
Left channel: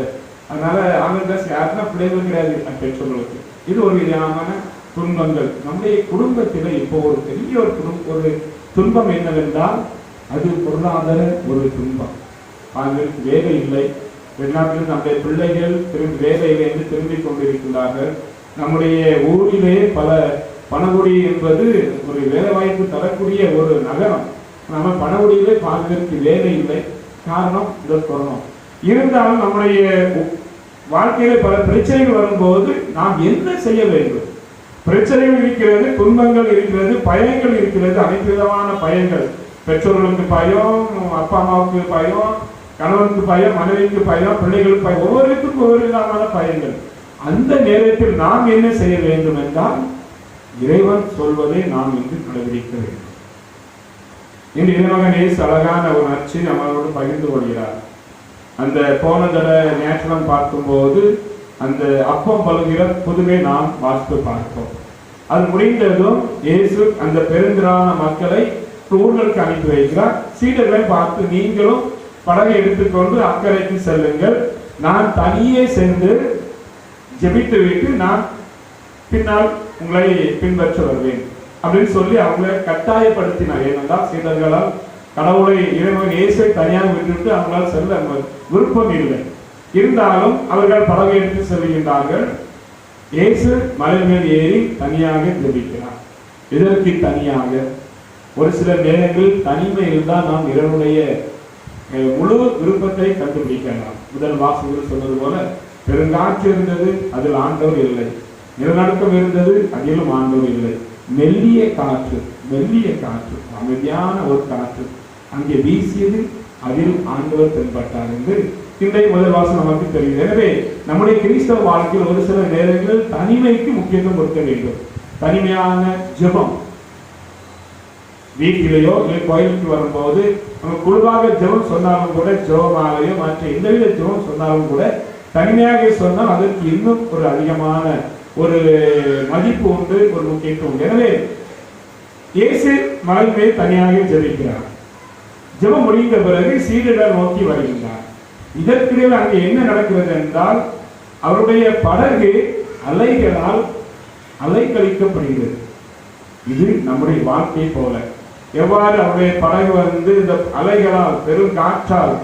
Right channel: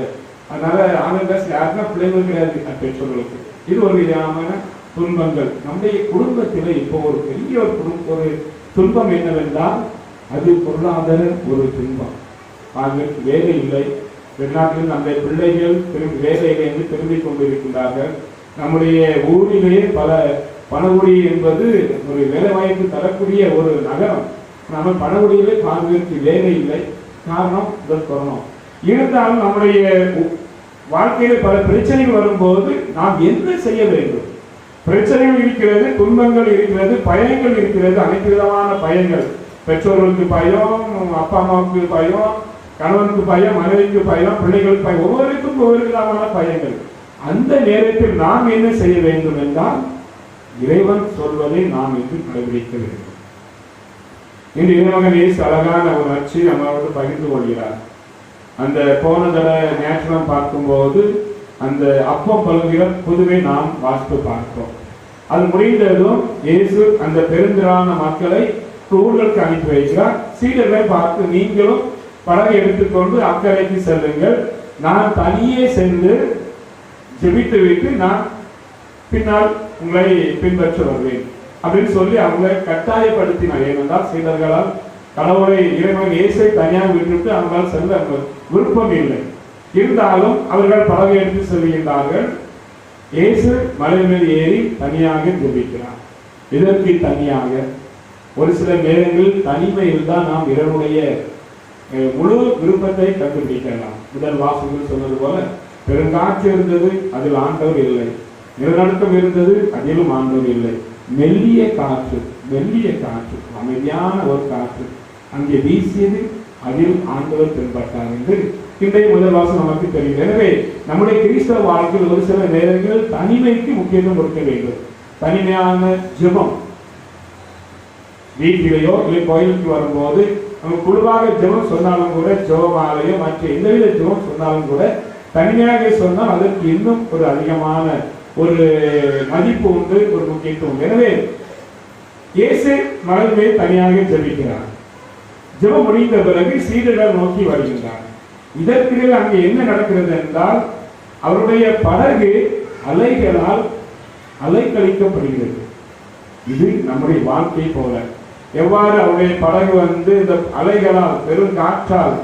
அதனால ஆன்லைன் கிளாஸ் யாருன்னா பிள்ளைகள் கிடையாது பெற்றோர்களுக்கு. இது ஒரு விதமான துன்பங்கள். நம்முடைய குடும்பத்தில் இப்போ ஒரு பெரிய ஒரு துன்பம் என்னவென்றால் அது பொருளாதார ஒரு துன்பம். அவர்களுக்கு வேலை இல்லை. வெளிநாட்டில் நம்முடைய பிள்ளைகள் வேலையிலிருந்து திரும்பிக் கொண்டிருக்கிறார்கள். நம்முடைய ஊரிலே பணகுடி என்பது ஒரு வேலை வாய்ப்பு தரக்கூடிய ஒரு நகரம். நம்ம பணகுடியிலே பாதுகாப்பு வேலை இல்லை. காரணம் இந்த கொரோனா. இருந்தாலும் நம்முடைய வாழ்க்கையில பல பிரச்சனைகள் வரும்போது நாம் என்ன செய்ய வேண்டும்? பிரச்சனைகள் இருக்கிறது, துன்பங்கள் இருக்கிறது, பயங்கள் இருக்கிறது, அனைத்து விதமான பயங்கள். பெற்றோர்களுக்கு பயம், அப்பா அம்மாவுக்கு பயம், கணவனுக்கு பயம், மனைவிக்கு பயம், பிள்ளைகளுக்கு பயம், ஒவ்வொருக்கும் ஒவ்வொரு விதமான பயங்கள். அந்த நேரத்தில் நாம் என்ன செய்ய வேண்டும் என்றால் இறைவன் சொல்வதை நாம் இன்று கடைபிடிக்க வேண்டும். இன்று இறைவன் இயேசு அழகான ஒரு நற்செய்தி நம்மளோடு பகிர்ந்து கொள்கிறார். அந்த போன நேற்றம் பார்க்கும்போது அந்த அப்பம் பழுகிற புதுவை நாம் வாசித்து பார்ப்போம். அது முடிந்ததும் இயேசு அந்த பெருந்திரான மக்களை ஊர்களுக்கு அனுப்பி வைக்கிறார். சீடர்களை பார்த்து, நீங்களும் படகை எடுத்துக்கொண்டு அக்கறைக்கு செல்லுங்கள், நான் தனியே சென்று ஜெபித்து விட்டு நான் பின்னால் உங்களை பின்பற்ற வருவேன் அப்படின்னு சொல்லி அவங்களை கட்டாயப்படுத்தினார். ஏனென்றால் சீடர்களால் கடவுளை இறைவன் இயேசுவை தனியாக விட்டுவிட்டு அவங்களால் செல்ல விருப்பம் இல்லை. இருந்தாலும் அவர்கள் படகை எடுத்து செல்கின்றார்கள். இயேசு மலை மேல் ஏறி தனியாக ஜெபிக்கிறார். இதற்கு தனியாக ஒரு சில நேரங்களில் தனிமை இருந்தால் நாம் இறைவனுடைய முழு விருப்பத்தை கண்டுபிடிக்கலாம். முதல் வாசகங்கள் சொன்னது போல பெருங்காற்று இருந்தது, அதில் ஆண்டவர் இல்லை. நிலநடுக்கம் இருந்தது, அதிலும் ஆண்டவர் இல்லை. மெல்லிய காற்று அமைதியான ஒரு காற்று அங்கே வீசியது, அதில் ஆண்டவர் தென்பட்டார் என்று இன்றைய முதல் வாசகம் நமக்கு தெரியும். எனவே நம்முடைய கிறிஸ்தவ வாழ்க்கையில் ஒரு சில நேரங்கள் தனிமைக்கு முக்கியத்துவம் கொடுக்க வேண்டும். தனிமையான ஜெபம் வீட்டிலேயோ இல்லை கோயிலுக்கு வரும்போது நம்ம குழுவாக ஜெபம் சொன்னாலும் கூட, ஜெபமாலையோ மற்ற எந்தவித ஜெபம் சொன்னாலும் கூட தனிமையாக சொன்னால் அதற்கு இன்னும் ஒரு அதிகமான ஒரு மதிப்பு உண்டு, ஒரு முக்கியத்துவம். எனவே இயேசு மலை மேல் தனியாக ஜெபிக்கிறார். ஜெபம் முடிந்த பிறகு சீடர்கள் நோக்கி வருகின்றார். இதற்கிடையில் அங்கே என்ன நடக்கிறது என்றால், அவருடைய படகு அலைகளால் அலைக்கழிக்கப்படுகிறது. இது நம்முடைய வாழ்க்கை போல. எவ்வாறு அவருடைய படகு இந்த அலைகளால், பெருங்காற்றால்,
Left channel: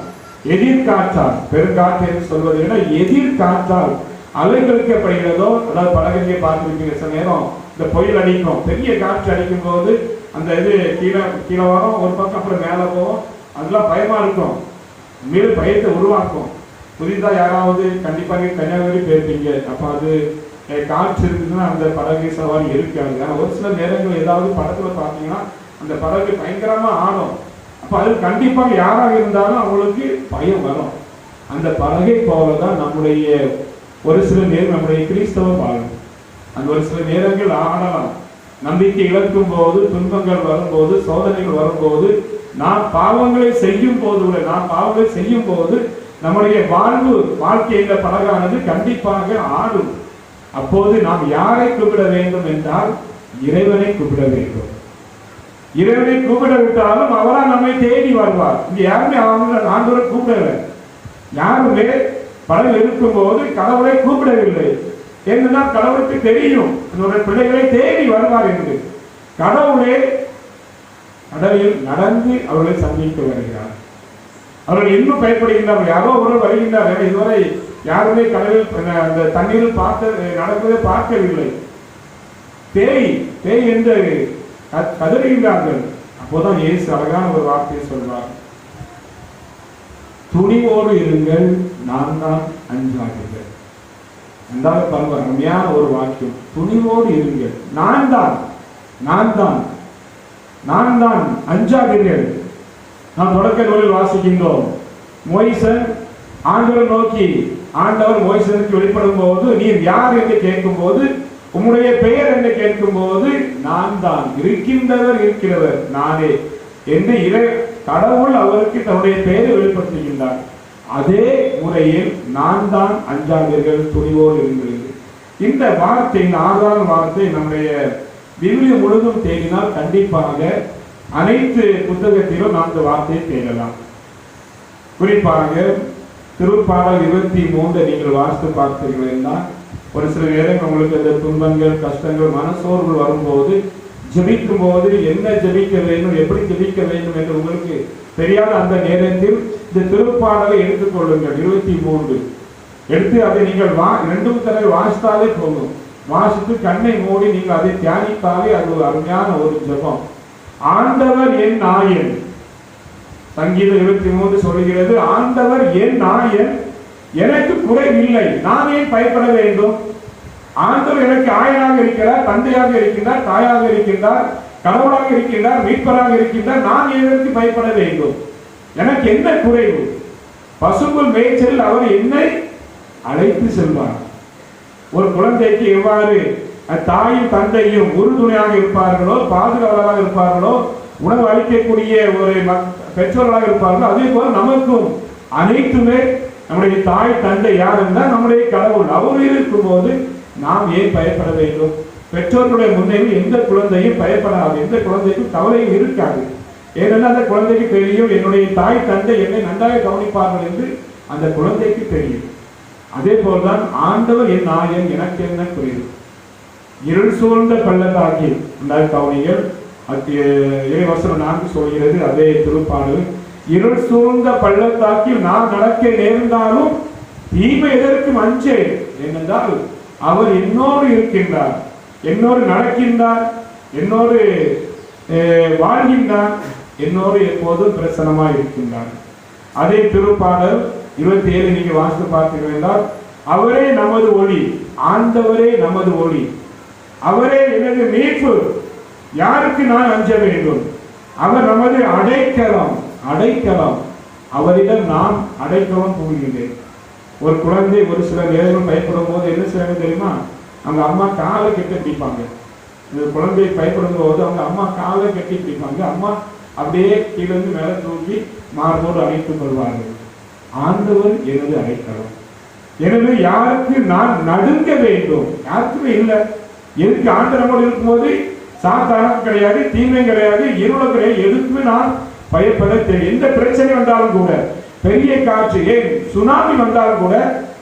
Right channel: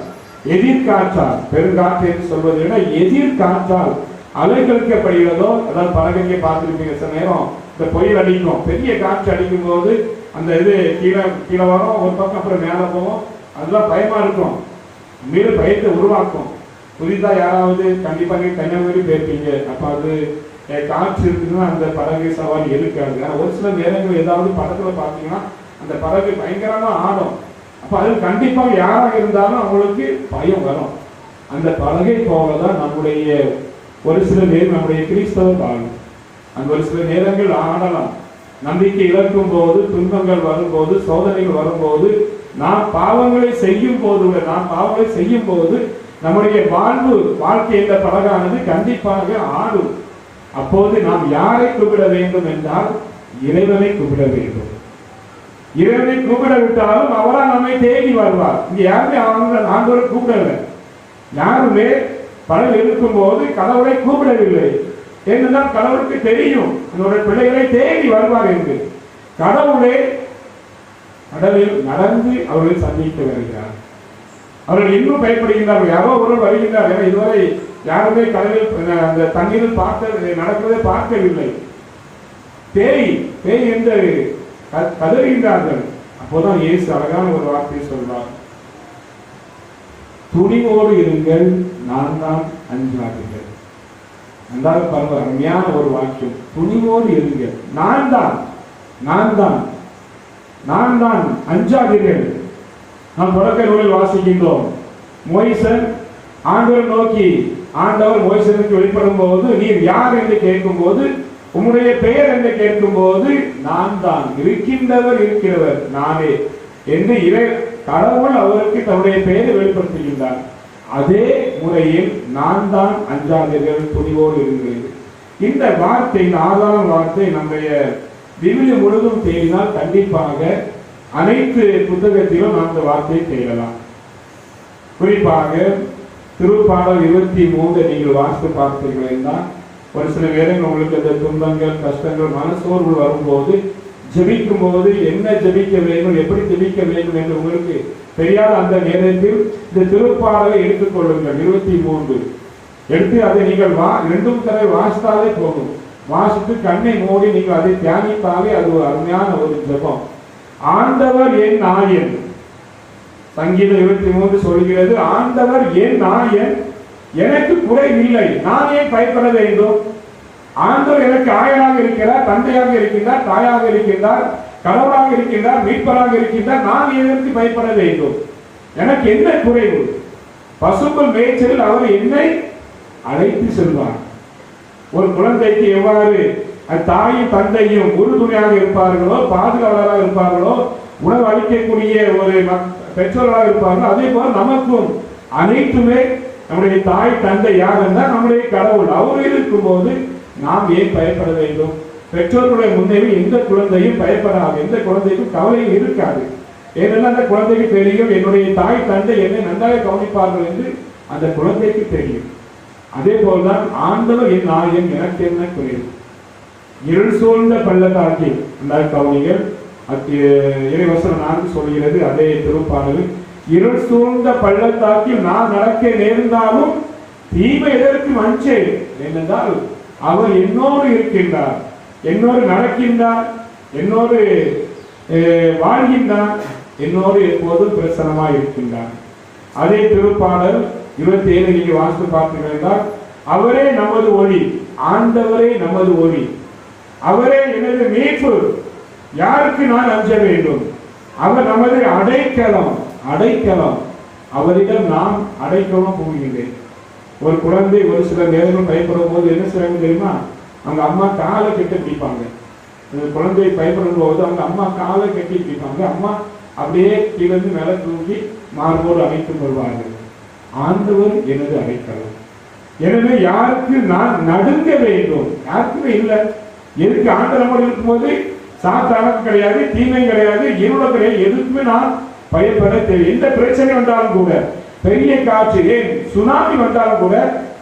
எதிர்காற்றால், பெருங்காற்று என்று சொல்வதை விட எதிர்காற்றால் அலைக்கழிக்கப்படுகிறதோ, அதாவது படகுங்கே பார்த்துருப்பீங்க, சில நேரம் இந்த புயல் அடிக்கும், பெரிய காற்று அடிக்கும் போது அந்த இது கீழே வரும், ஒரு பக்கம் அப்புறம் மேலே போகும். அதெல்லாம் பயமா இருக்கும், மேலும் பயத்தை உருவாக்கும். புதிதா யாராவது கண்டிப்பாக கன்னியாகுமரி போயிருப்பீங்க. அப்ப அது காற்று இருக்குதுன்னா அந்த படகு சவாரி இருக்காது. ஒரு சில நேரங்கள் ஏதாவது படத்துல பார்த்தீங்கன்னா அந்த படகு பயங்கரமா ஆடும். அப்ப அது கண்டிப்பாக யாராக இருந்தாலும் அவங்களுக்கு பயம் வரும். அந்த படகை போலதான் நம்முடைய ஒரு சில நேரம் நம்முடைய கிறிஸ்தவ வாழ்வு. அந்த ஒரு சில நேரங்கள் ஆடலாம். நம்பிக்கை இழக்கும் போது, துன்பங்கள் வரும்போது, சோதனைகள் வரும்போது, நாம் பாவங்களை செய்யும் போது நம்முடைய வாழ்க்கை என்ற படகானது கண்டிப்பாக ஆடும். அப்போது நாம் யாரை கூப்பிட வேண்டும் என்றால் இறைவனை கூப்பிட வேண்டும். இறைவனை கூப்பிட விட்டாலும் அவரா நம்மை தேடி வருவார். இங்க யாருமே ஆண்டவரை கூப்பிடல. யாருமே பலர் இருக்கும் போது கடவுளை கூப்பிடவில்லை. என்னதான் கடவுளுக்கு தெரியும் என்னுடைய பிள்ளைகளை தேடி வருவார் என்று. கடவுளே கடலில் நடந்து அவர்களை சந்திக்க வருகிறார். அவர்கள் இன்னும் பயப்படுகின்றார்கள். யாரோ ஒருவர் வருகின்றார். இதுவரை யாருமே கடலில் அந்த தண்ணீரில் நடப்பதை பார்க்கவில்லை. பேய் என்று கதறுகின்றார்கள். அப்போதான் இயேசு அழகான ஒரு வார்த்தையை சொல்வார், துணிவோடு இருங்கள், நான் தான், அஞ்சாதீர்கள். அன்றாட பாருங்க, அருமையான ஒரு வாக்கியம். துணிவோடு இருங்கள், நான் தான், அஞ்சாதீர்கள். நாம் தொடக்க நூலில் வாசிக்கின்றோம், மோசேஸ் ஆண்டவரை நோக்கி, ஆண்டவர் மோசேசுக்கு வெளிப்படும் போது, நீர் யார் என்று கேட்கும் போது, உம்முடைய பெயர் என்று கேட்கும் போது, நான் தான், இருக்கிறவர் நானே என்று கடவுள் அவருக்கு தன்னுடைய பெயரை வெளிப்படுத்துகின்றார். அதே முறையில் நான் தான், அஞ்சாதீர்கள், துணிவோடு இருங்கள். இந்த வார்த்தை, ஆறாவது வார்த்தை நம்முடைய விவிலியம் முழுதும் தேடினால் கண்டிப்பாக அனைத்து புத்தகத்திலும் நாம் இந்த வார்த்தையை தேடலாம். குறிப்பாக திருப்பாடல் 23 நீங்கள் வாசித்து பார்த்தீர்கள் என்றால், ஒரு சில நேரம் உங்களுக்கு இந்த துன்பங்கள், கஷ்டங்கள், மனசோர்வு வரும்போது, ஜெபிக்கும் போது என்ன ஜெபிக்க வேண்டும், எப்படி ஜெபிக்க வேண்டும் என்று உங்களுக்கு தெரியாத அந்த நேரத்தில் இந்த திருப்பாடலை எடுத்துக் கொள்ளுங்கள். 23 எடுத்து அதை நீங்கள் 2 தடவை வாசித்தாலே போதும். வாசித்து கண்ணை மூடி நீங்கள் அதை தியானித்தாலே அது ஒரு அருமையான ஒரு ஜெபம். ஆண்டவர் என் நாயன், சங்கீதம் 23 சொல்கிறது, ஆண்டவர் என் நாயன், எனக்கு குறைவில்லை, நான் ஏன் பயப்பட வேண்டும்? ஆண்டவர் எனக்கு ஆயனாக இருக்கிறார், தந்தையாக இருக்கின்றார், தாயாக இருக்கின்றார், கடவுளாக இருக்கின்றார், மீட்பராக இருக்கின்றார். நான் எதற்கு பயப்பட வேண்டும்? எனக்கு என்ன குறைவு? பசும்புல் மேய்ச்சலில் அவர் என்னை அழைத்து செல்வார். ஒரு குழந்தைக்கு எவ்வாறு தாயும் தந்தையும் உறுதுணையாக இருப்பார்களோ, பாதுகாவலராக இருப்பார்களோ, உணவு அளிக்கக்கூடிய ஒரு பெற்றோர்களாக இருப்பார்களோ, அதே போல நமக்கும் அனைத்துமே நம்முடைய தாய் தந்தை யார் என்றால் நம்முடைய கடவுள். அவர் இருக்கும் போது நாம் ஏன் பயப்பட வேண்டும்? பெற்றோர்களுடைய முன்னேறி எந்த குழந்தையும் பயப்படாது, எந்த குழந்தைக்கும் கவலையும் இருக்காது. ஏனென்றால் அந்த குழந்தைக்கு தெரியும், என்னுடைய தாய் தந்தை என்னை நன்றாக கவனிப்பார்கள் என்று அந்த குழந்தைக்கு தெரியும். அதே போல்தான் ஆண்டவர் என் நாயன், எனக்கு என்ன குறைவு? இருள் சூழ்ந்த பள்ளத்தாக்கில் கவனிகள் இறைவசனம் 4 சொல்கிறது. அதே திருப்பாடல், இருள் சூழ்ந்த பள்ளத்தாக்கில் நான் நடக்க நேர்ந்தாலும் தீமை எதற்கும் அஞ்சேன். ஏனென்றால் அவர் என்னோடு இருக்கின்றார், என்னோடு நடக்கின்றார், என்னோடு வாழ்கின்றார், என்னோடு எப்போதும் பிரசன்னமாய் இருக்கின்றார். அதே திருப்பாடல் 27 நீங்க வாசித்து பார்த்தீர்கள் என்றால், அவரே நமது ஒளி, ஆண்டவரே நமது ஒளி, அவரே எனது மீட்பு, யாருக்கு நான் அஞ்ச வேண்டும்? அவர் நமது அடைக்கலம், அவரிடம் நான் அடைக்கலம் போகின்றேன். ஒரு குழந்தை ஒரு சில நேரம் பயப்படும் போது என்ன செய்யணும் தெரியுமா? அவங்க அம்மா காலை கட்டி பிடிப்பாங்க. குழந்தை பயப்படும் போது அவங்க அம்மா காலை கட்டி பிடிப்பாங்க. அம்மா அப்படியே கீழே மேலே தூக்கி மார்போடு அணைத்து கொள்வார்கள். ஆண்டவர் எனது அடைக்கலம், எனவே யாருக்கு நான் நடுங்க வேண்டும்? யாருக்குமே இல்லை. எதுக்கு? ஆண்டவர் நம்மோடு இருக்கும்போது சாத்தானும் கிடையாது, தீமை கிடையாது, இருளும் கிடையாது, எதுக்குமே நான் பயப்பட தேவை. எந்த பிரச்சனை வந்தாலும் கூட, பெரிய காற்று, ஏன் சுனாமி வந்தாலும் கூட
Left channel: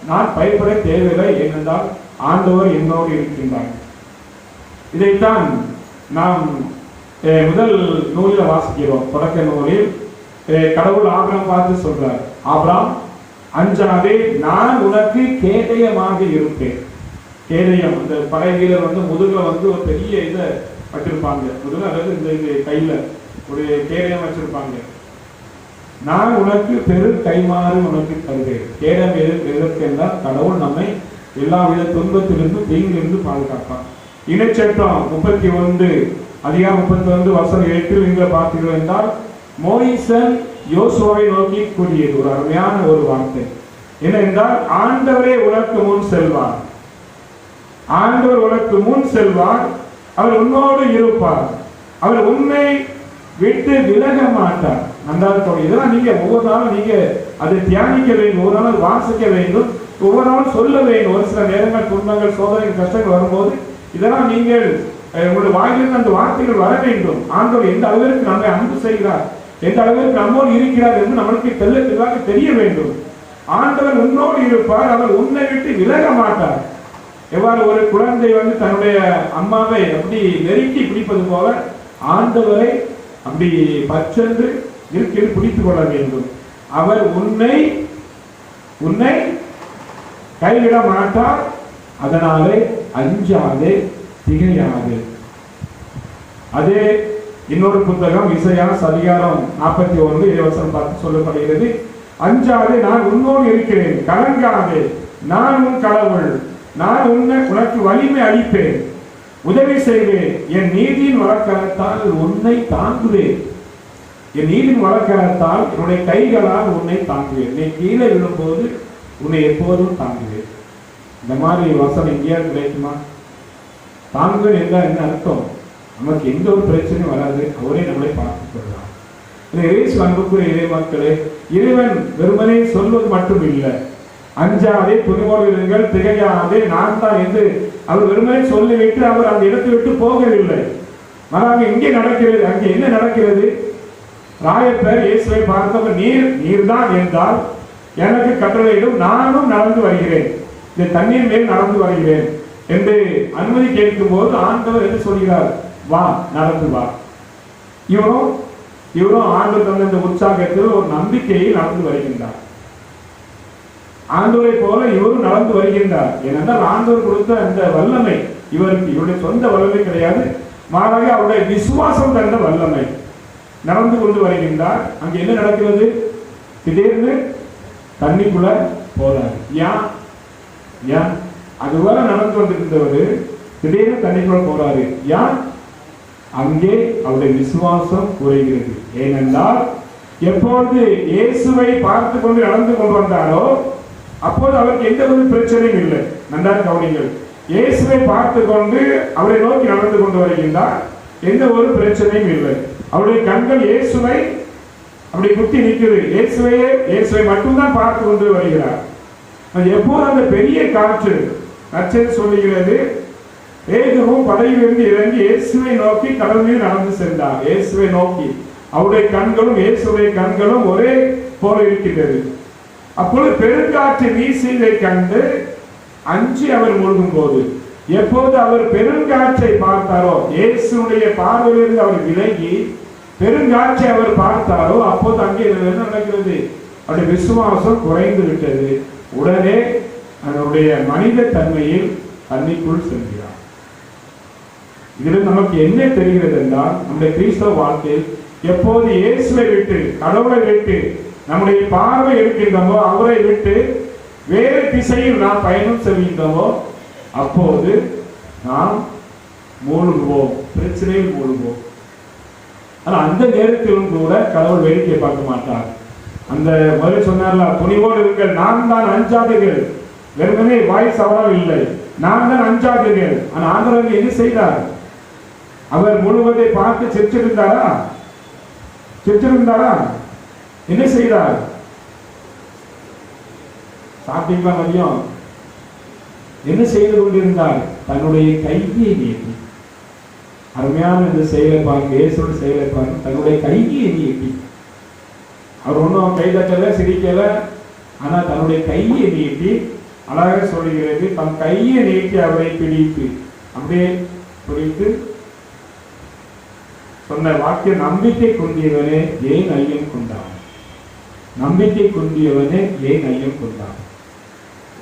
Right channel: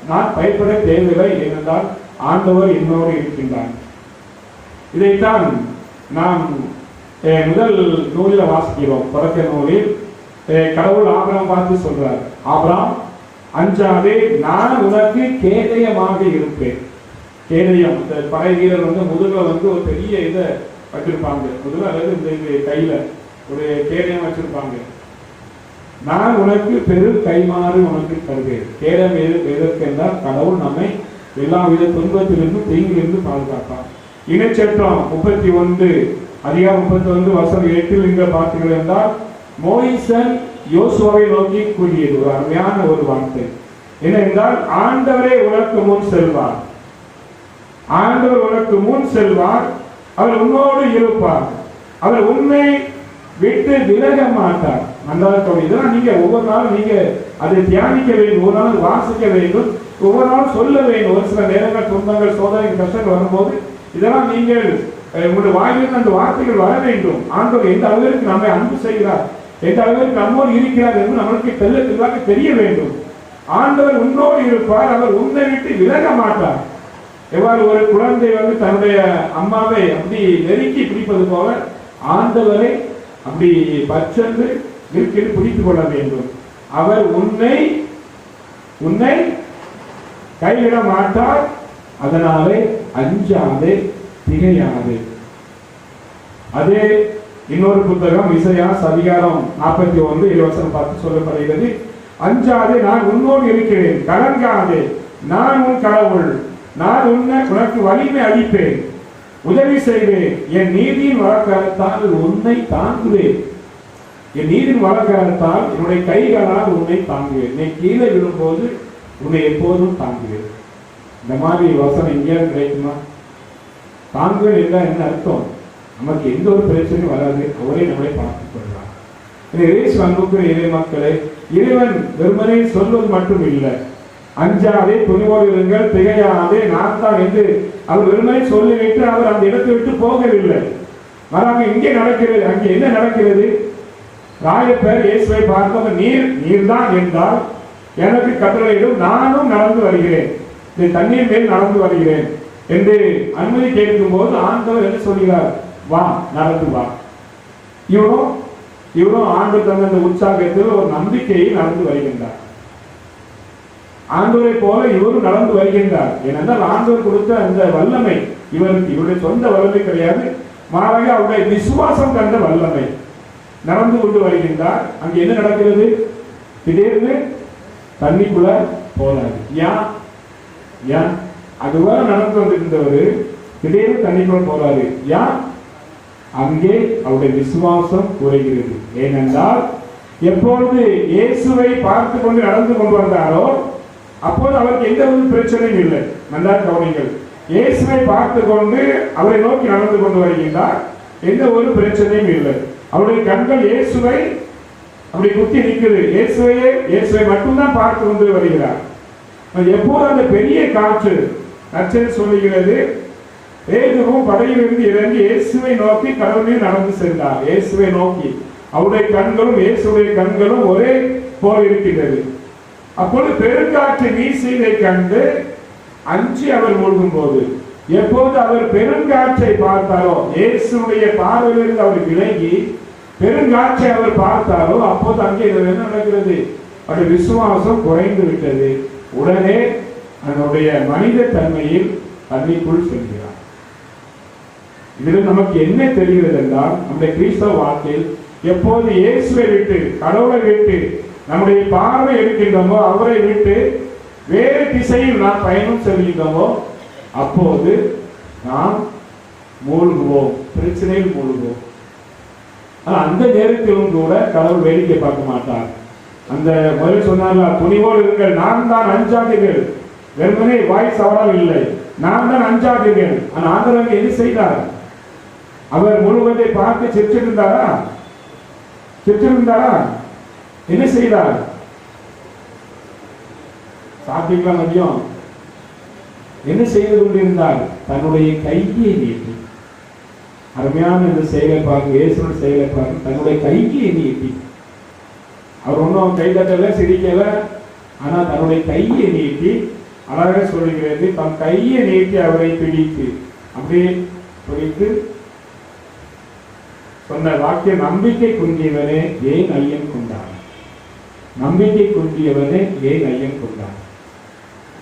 நான் பயப்பட தேவையில்லை. ஏனென்றால் ஆண்டவர் என்னோடு இருக்கின்றார். இதைத்தான் நாம் முதல் நூலில் வாசிக்கிறோம். தொடக்க நூலில் கடவுள் ஆபிரகாம் பார்த்து சொல்றார், ஆபிரகாம் அஞ்சாதே, நான் உனக்கு கேடயமாக இருப்பேன். கேடயம், அந்த படை வீரர் முதுகுல ஒரு பெரிய இதை வச்சிருப்பாங்க, முதுகுல அல்லது இந்த கையில ஒரு கேடயம் வச்சிருப்பாங்க. நான் உனக்கு பெரு கைமாறு உனக்கு தருவேன். கேடயம் எதற்கு என்றால் கடவுள் நம்மை எல்லா வித துன்பத்திலிருந்து தீங்கிலிருந்து பாதுகாப்பார். இனச்சட்டம் 31 அதிகாரம் 31 வசனம் 8 இங்க பார்த்தீர்கள் என்றால் மோயிசன் யோசுவாவை நோக்கி கூறியது ஒரு அருமையான ஒரு வார்த்தை என்னவென்றால், ஆண்டவரே உனக்கு முன் செல்வார், ஆண்டவர் உனக்கு முன் செல்வார், அவர் உன்னோடு இருப்பார், அவர் உன்னை விட்டு விலக மாட்டார். நன்றாக இதெல்லாம் நீங்க ஒவ்வொரு நாளும் நீங்க அதை தியானிக்க வேண்டும், ஒவ்வொரு நாள் வாசிக்க வேண்டும், ஒவ்வொரு நாள் சொல்ல வேண்டும். ஒரு சில நேரங்கள் துன்பங்கள் சோதனைகள் கஷ்டங்கள் வரும்போது இதெல்லாம் நீங்கள் உங்களுடைய வாயிலிருந்து அந்த வார்த்தைகள் வர வேண்டும். ஆண்டவர் எந்த அளவிற்கு நம்மை அன்பு செய்கிறார், எந்த அளவிற்கு நம்மோடு இருக்கிறார் என்று நம்மளுக்கு தெளிவாக தெரிய வேண்டும். ஆண்டவர் உன்னோடு இருப்பார், அவர் உன்னை விட்டு விலக மாட்டார். எவ்வாறு ஒரு குழந்தை தன்னுடைய அம்மாவை அப்படி நெருக்கி பிடிப்பது போல ஆண்டவரை அப்படி பச்சென்று இருக்கில் பிடித்துக் கொள்ள வேண்டும். அவர் உன்னை கைவிட மாட்டார். அதனாலே அஞ்சாதே, திகையாதே. அதே இன்னொரு புத்தகம் இசையாஸ் அதிகாரம் 41 வசனம் 10 சொல்லப்படுகிறது, அஞ்சாதே, நான் உன்னோடு இருக்கிறேன், கலங்காதே, நான் உன் கடவுள், நான் உனக்கு வலிமை அளிப்பேன், உதவி செய்வேன், என் நீதியின் வழக்கத்தால் உன்னை தாங்குவேன், என் நீதியின் வழக்கத்தால் என்னுடைய கைகளால் உன்னை தாங்குவேன், நீ கீழே விழும்போது உன்னை எப்போதும் தாங்குவேன். இந்த மாதிரி வசனம் இந்தியாவில் கிடைக்குமா? தாங்குவேன் என்றால் என்ன அர்த்தம்? நமக்கு எந்த ஒரு பிரச்சனையும் வராது, அவரே நம்மளை பார்த்துக் கொள்கிறார். இயேசு அன்புக்குரிய இறை மக்களே, இறைவன் வெறுமனே சொல்வது மட்டும் இல்லை, அஞ்சாதே, துணிவோடு இருங்கள், திகையாதே, நான் தான் என்று அவர் வெறுமனே சொல்லிவிட்டு அவர் அந்த இடத்தை விட்டு போகவில்லை. மாறாக இங்கே நடக்கிறது. அங்கே என்ன நடக்கிறது? ராயப்பர் இயேசுவை பார்த்தவர், நீர் தான் என்றால் எனக்கு கட்டளையிடும், நானும் நடந்து வருகிறேன், இந்த தண்ணீர் மேல் நடந்து வருகிறேன் என்று அனுமதி கேட்கும் போது ஆண்டவர் என்ன சொல்கிறார்? வா, நடந்து வா. இவரும் ஆண்டவர் தந்த அந்த உற்சாகத்தில் ஒரு நம்பிக்கையில் நடந்து வருகின்றார். ஆண்டவரை போல இவரும் நடந்து வருகின்றார். ஏனென்றால் ஆண்டவர் கொடுத்த அந்த வல்லமை இவருக்கு, இவருடைய சொந்த வல்லமை கிடையாது, மாறாக அவருடைய விசுவாசம் தந்த வல்லமை. நடந்து கொண்டு வருகின்றார். அங்கே என்ன நடக்கிறது? திடீர்னு தண்ணிக்குள்ள போறாரு. ஏன் அதுவரை நடந்து கொண்டிருந்தவர் திடீர்னு தண்ணிக்குள்ள போறாரு. அங்கே அவருடைய விசுவாசம் குறைகிறது. ஏனென்றால் எப்பொழுது இயேசுவை பார்த்து கொண்டு நடந்து கொண்டு வந்தாரோ அப்போது அவருக்கு எந்த ஒரு பிரச்சனையும் இல்லை. நன்றாக கவனிங்கள். இயேசுவை பார்த்து கொண்டு அவரை நோக்கி நடந்து கொண்டு வருகின்றார், எந்த ஒரு பிரச்சனையும் இல்லை. அவருடைய கண்கள் இயேசுவை அப்படி குத்தி நிற்கிறது. இயேசுவை மட்டும்தான் பார்த்து கொண்டு வருகிறார். எப்போது அந்த பெரிய காற்று நச்சது சொல்லுகிறது, பேதுருவும் படகிலிருந்து இறங்கி இயேசுவை நோக்கி கடலில் நடந்து சென்றார். இயேசுவை நோக்கி அவருடைய கண்களும் இயேசுடைய கண்களும் ஒரே போல இருக்கிறது. அப்பொழுது பெருங்காற்று வீசியதை கண்டு அஞ்சி அவர் மூழ்கும் போது, எப்போது அவர் பெருங்காற்றை பார்த்தாரோ, இயேசுடைய பார்வையிலிருந்து அவர் விலகி பெருங்காற்றை அவர் பார்த்தாரோ, அப்போது அங்கே என்ன நடக்கிறது? அவருடைய விசுவாசம் குறைந்து விட்டது. உடனே அதனுடைய மனித தன்மையில் தண்ணிக்குள் சென்றார். இதில் நமக்கு என்ன தெரிகிறது என்றால், நம்முடைய கிறிஸ்தவ வாழ்க்கையில் எப்போது இயேசுவை விட்டு, கடவுளை விட்டு நம்முடைய பார்வை இருக்கின்றோமோ, அவரை விட்டு வேறு திசையில் நாம் பயணம் செய்கின்றோமோ, அப்போது நாம் மூழ்குவோம், பிரச்சனையில் மூழ்குவோம். அந்த நேரத்திலும் கூட கடவுள் வேடிக்கை பார்க்க மாட்டார். அந்த முதல் சொன்னார்ல, துணிவோடு இருங்கள், நான் தான் அஞ்சாதீர்கள். வெறுமனே வாய்ஸ் அவ்வளவு இல்லை, நான் தான் அஞ்சாதீர்கள். ஆனால் ஆண்டவர் என்ன செய்தார்? அவர் முழுவதை பார்த்து சிரிச்சிருந்தாரா? என்ன செய்தார்? சாப்பிட்டீங்களா மதியம்? என்ன செய்து கொண்டிருந்தார்? தன்னுடைய கையை நீட்டி. அருமையான இந்த செயலை பார்க்க, இயேசுவின் செயலை பார்க்க, தன்னுடைய கையை நீட்டி. அவர் ஒன்றும் கை தட்டல, சிரிக்கல, ஆனா தன்னுடைய கையை நீட்டி, அழகாக சொல்லுகிறது, தன் கையை நீட்டி அவரை பிடித்து, அப்படியே பிடித்து சொன்ன வாக்கியம், நம்பிக்கை குன்றியவனே ஏன் ஐயம் கொண்டான்? நம்பிக்கை குன்றியவனே ஏன் ஐயம் கொண்டான்?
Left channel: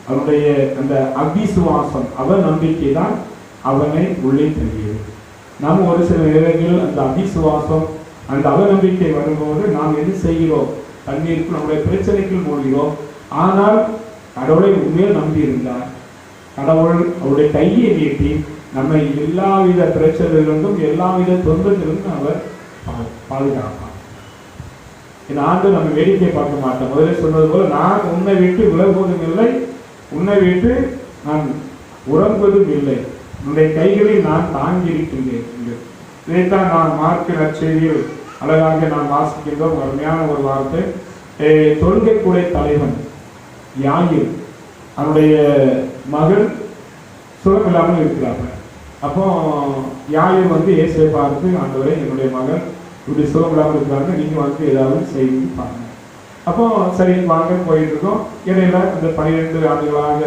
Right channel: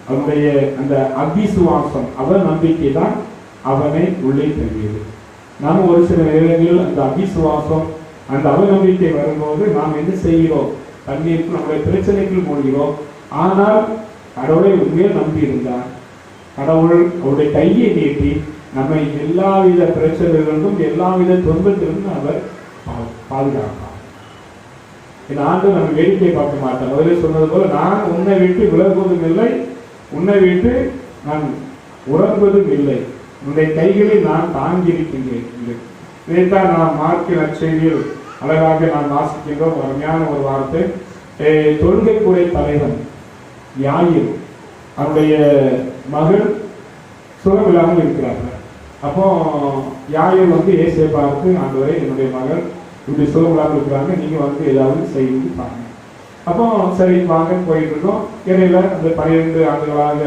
அவனுடைய அந்த அவிசுவாசம், அவன் நம்பிக்கை தான் அவனை உள்ளே தள்ளியது. நாம் ஒரு சில நேரங்களில் அந்த அவிசுவாசம், அந்த அவநம்பிக்கை வரும்போது நாம் என்ன செய்கிறோம்? தண்ணீருக்கு, நம்முடைய பிரச்சனைக்குள் மூழ்கிறோம். ஆனால் கடவுளை உண்மையில் நம்பி இருந்தார். கடவுள் அவருடைய கையை நீட்டி நம்மை எல்லாவித பிரச்சனைகளிலிருந்தும் எல்லாவித துன்பத்திலிருந்தும் அவர் பாதுகாப்பார். இந்த ஆண்டு நம்ம வேடிக்கை பார்க்க மாட்டோம். முதலில் சொன்னது போல, நான் உன்னை விட்டு விலகுவதும் இல்லை, உன்னை விட்டு நான் உறங்குவதும் இல்லை, உன்னுடைய கைகளில் நான் தாங்கியிருக்கின்றேன். இதைத்தான் நான் மார்க்க நற்செய்தியில் அழகாக நாம் வாசிக்கின்றோம். அருமையான ஒரு வார்த்தை. தொழுகை கூட தலைவன் யாயிர், அவருடைய மகள் சுகம் இல்லாமல் இருக்கிறார்கள். அப்போ யாயிர் இயேசுவை பார்த்து, ஆண்டவரே, என்னுடைய மகள் இப்படி சுகம் இல்லாமல் இருக்கிறாங்க, நீங்க ஏதாவது செய்து பாருங்க. அப்போ சரி வாங்க போயிட்டு இருக்கோம். இடையில அந்த 12 ஆண்டுகளாக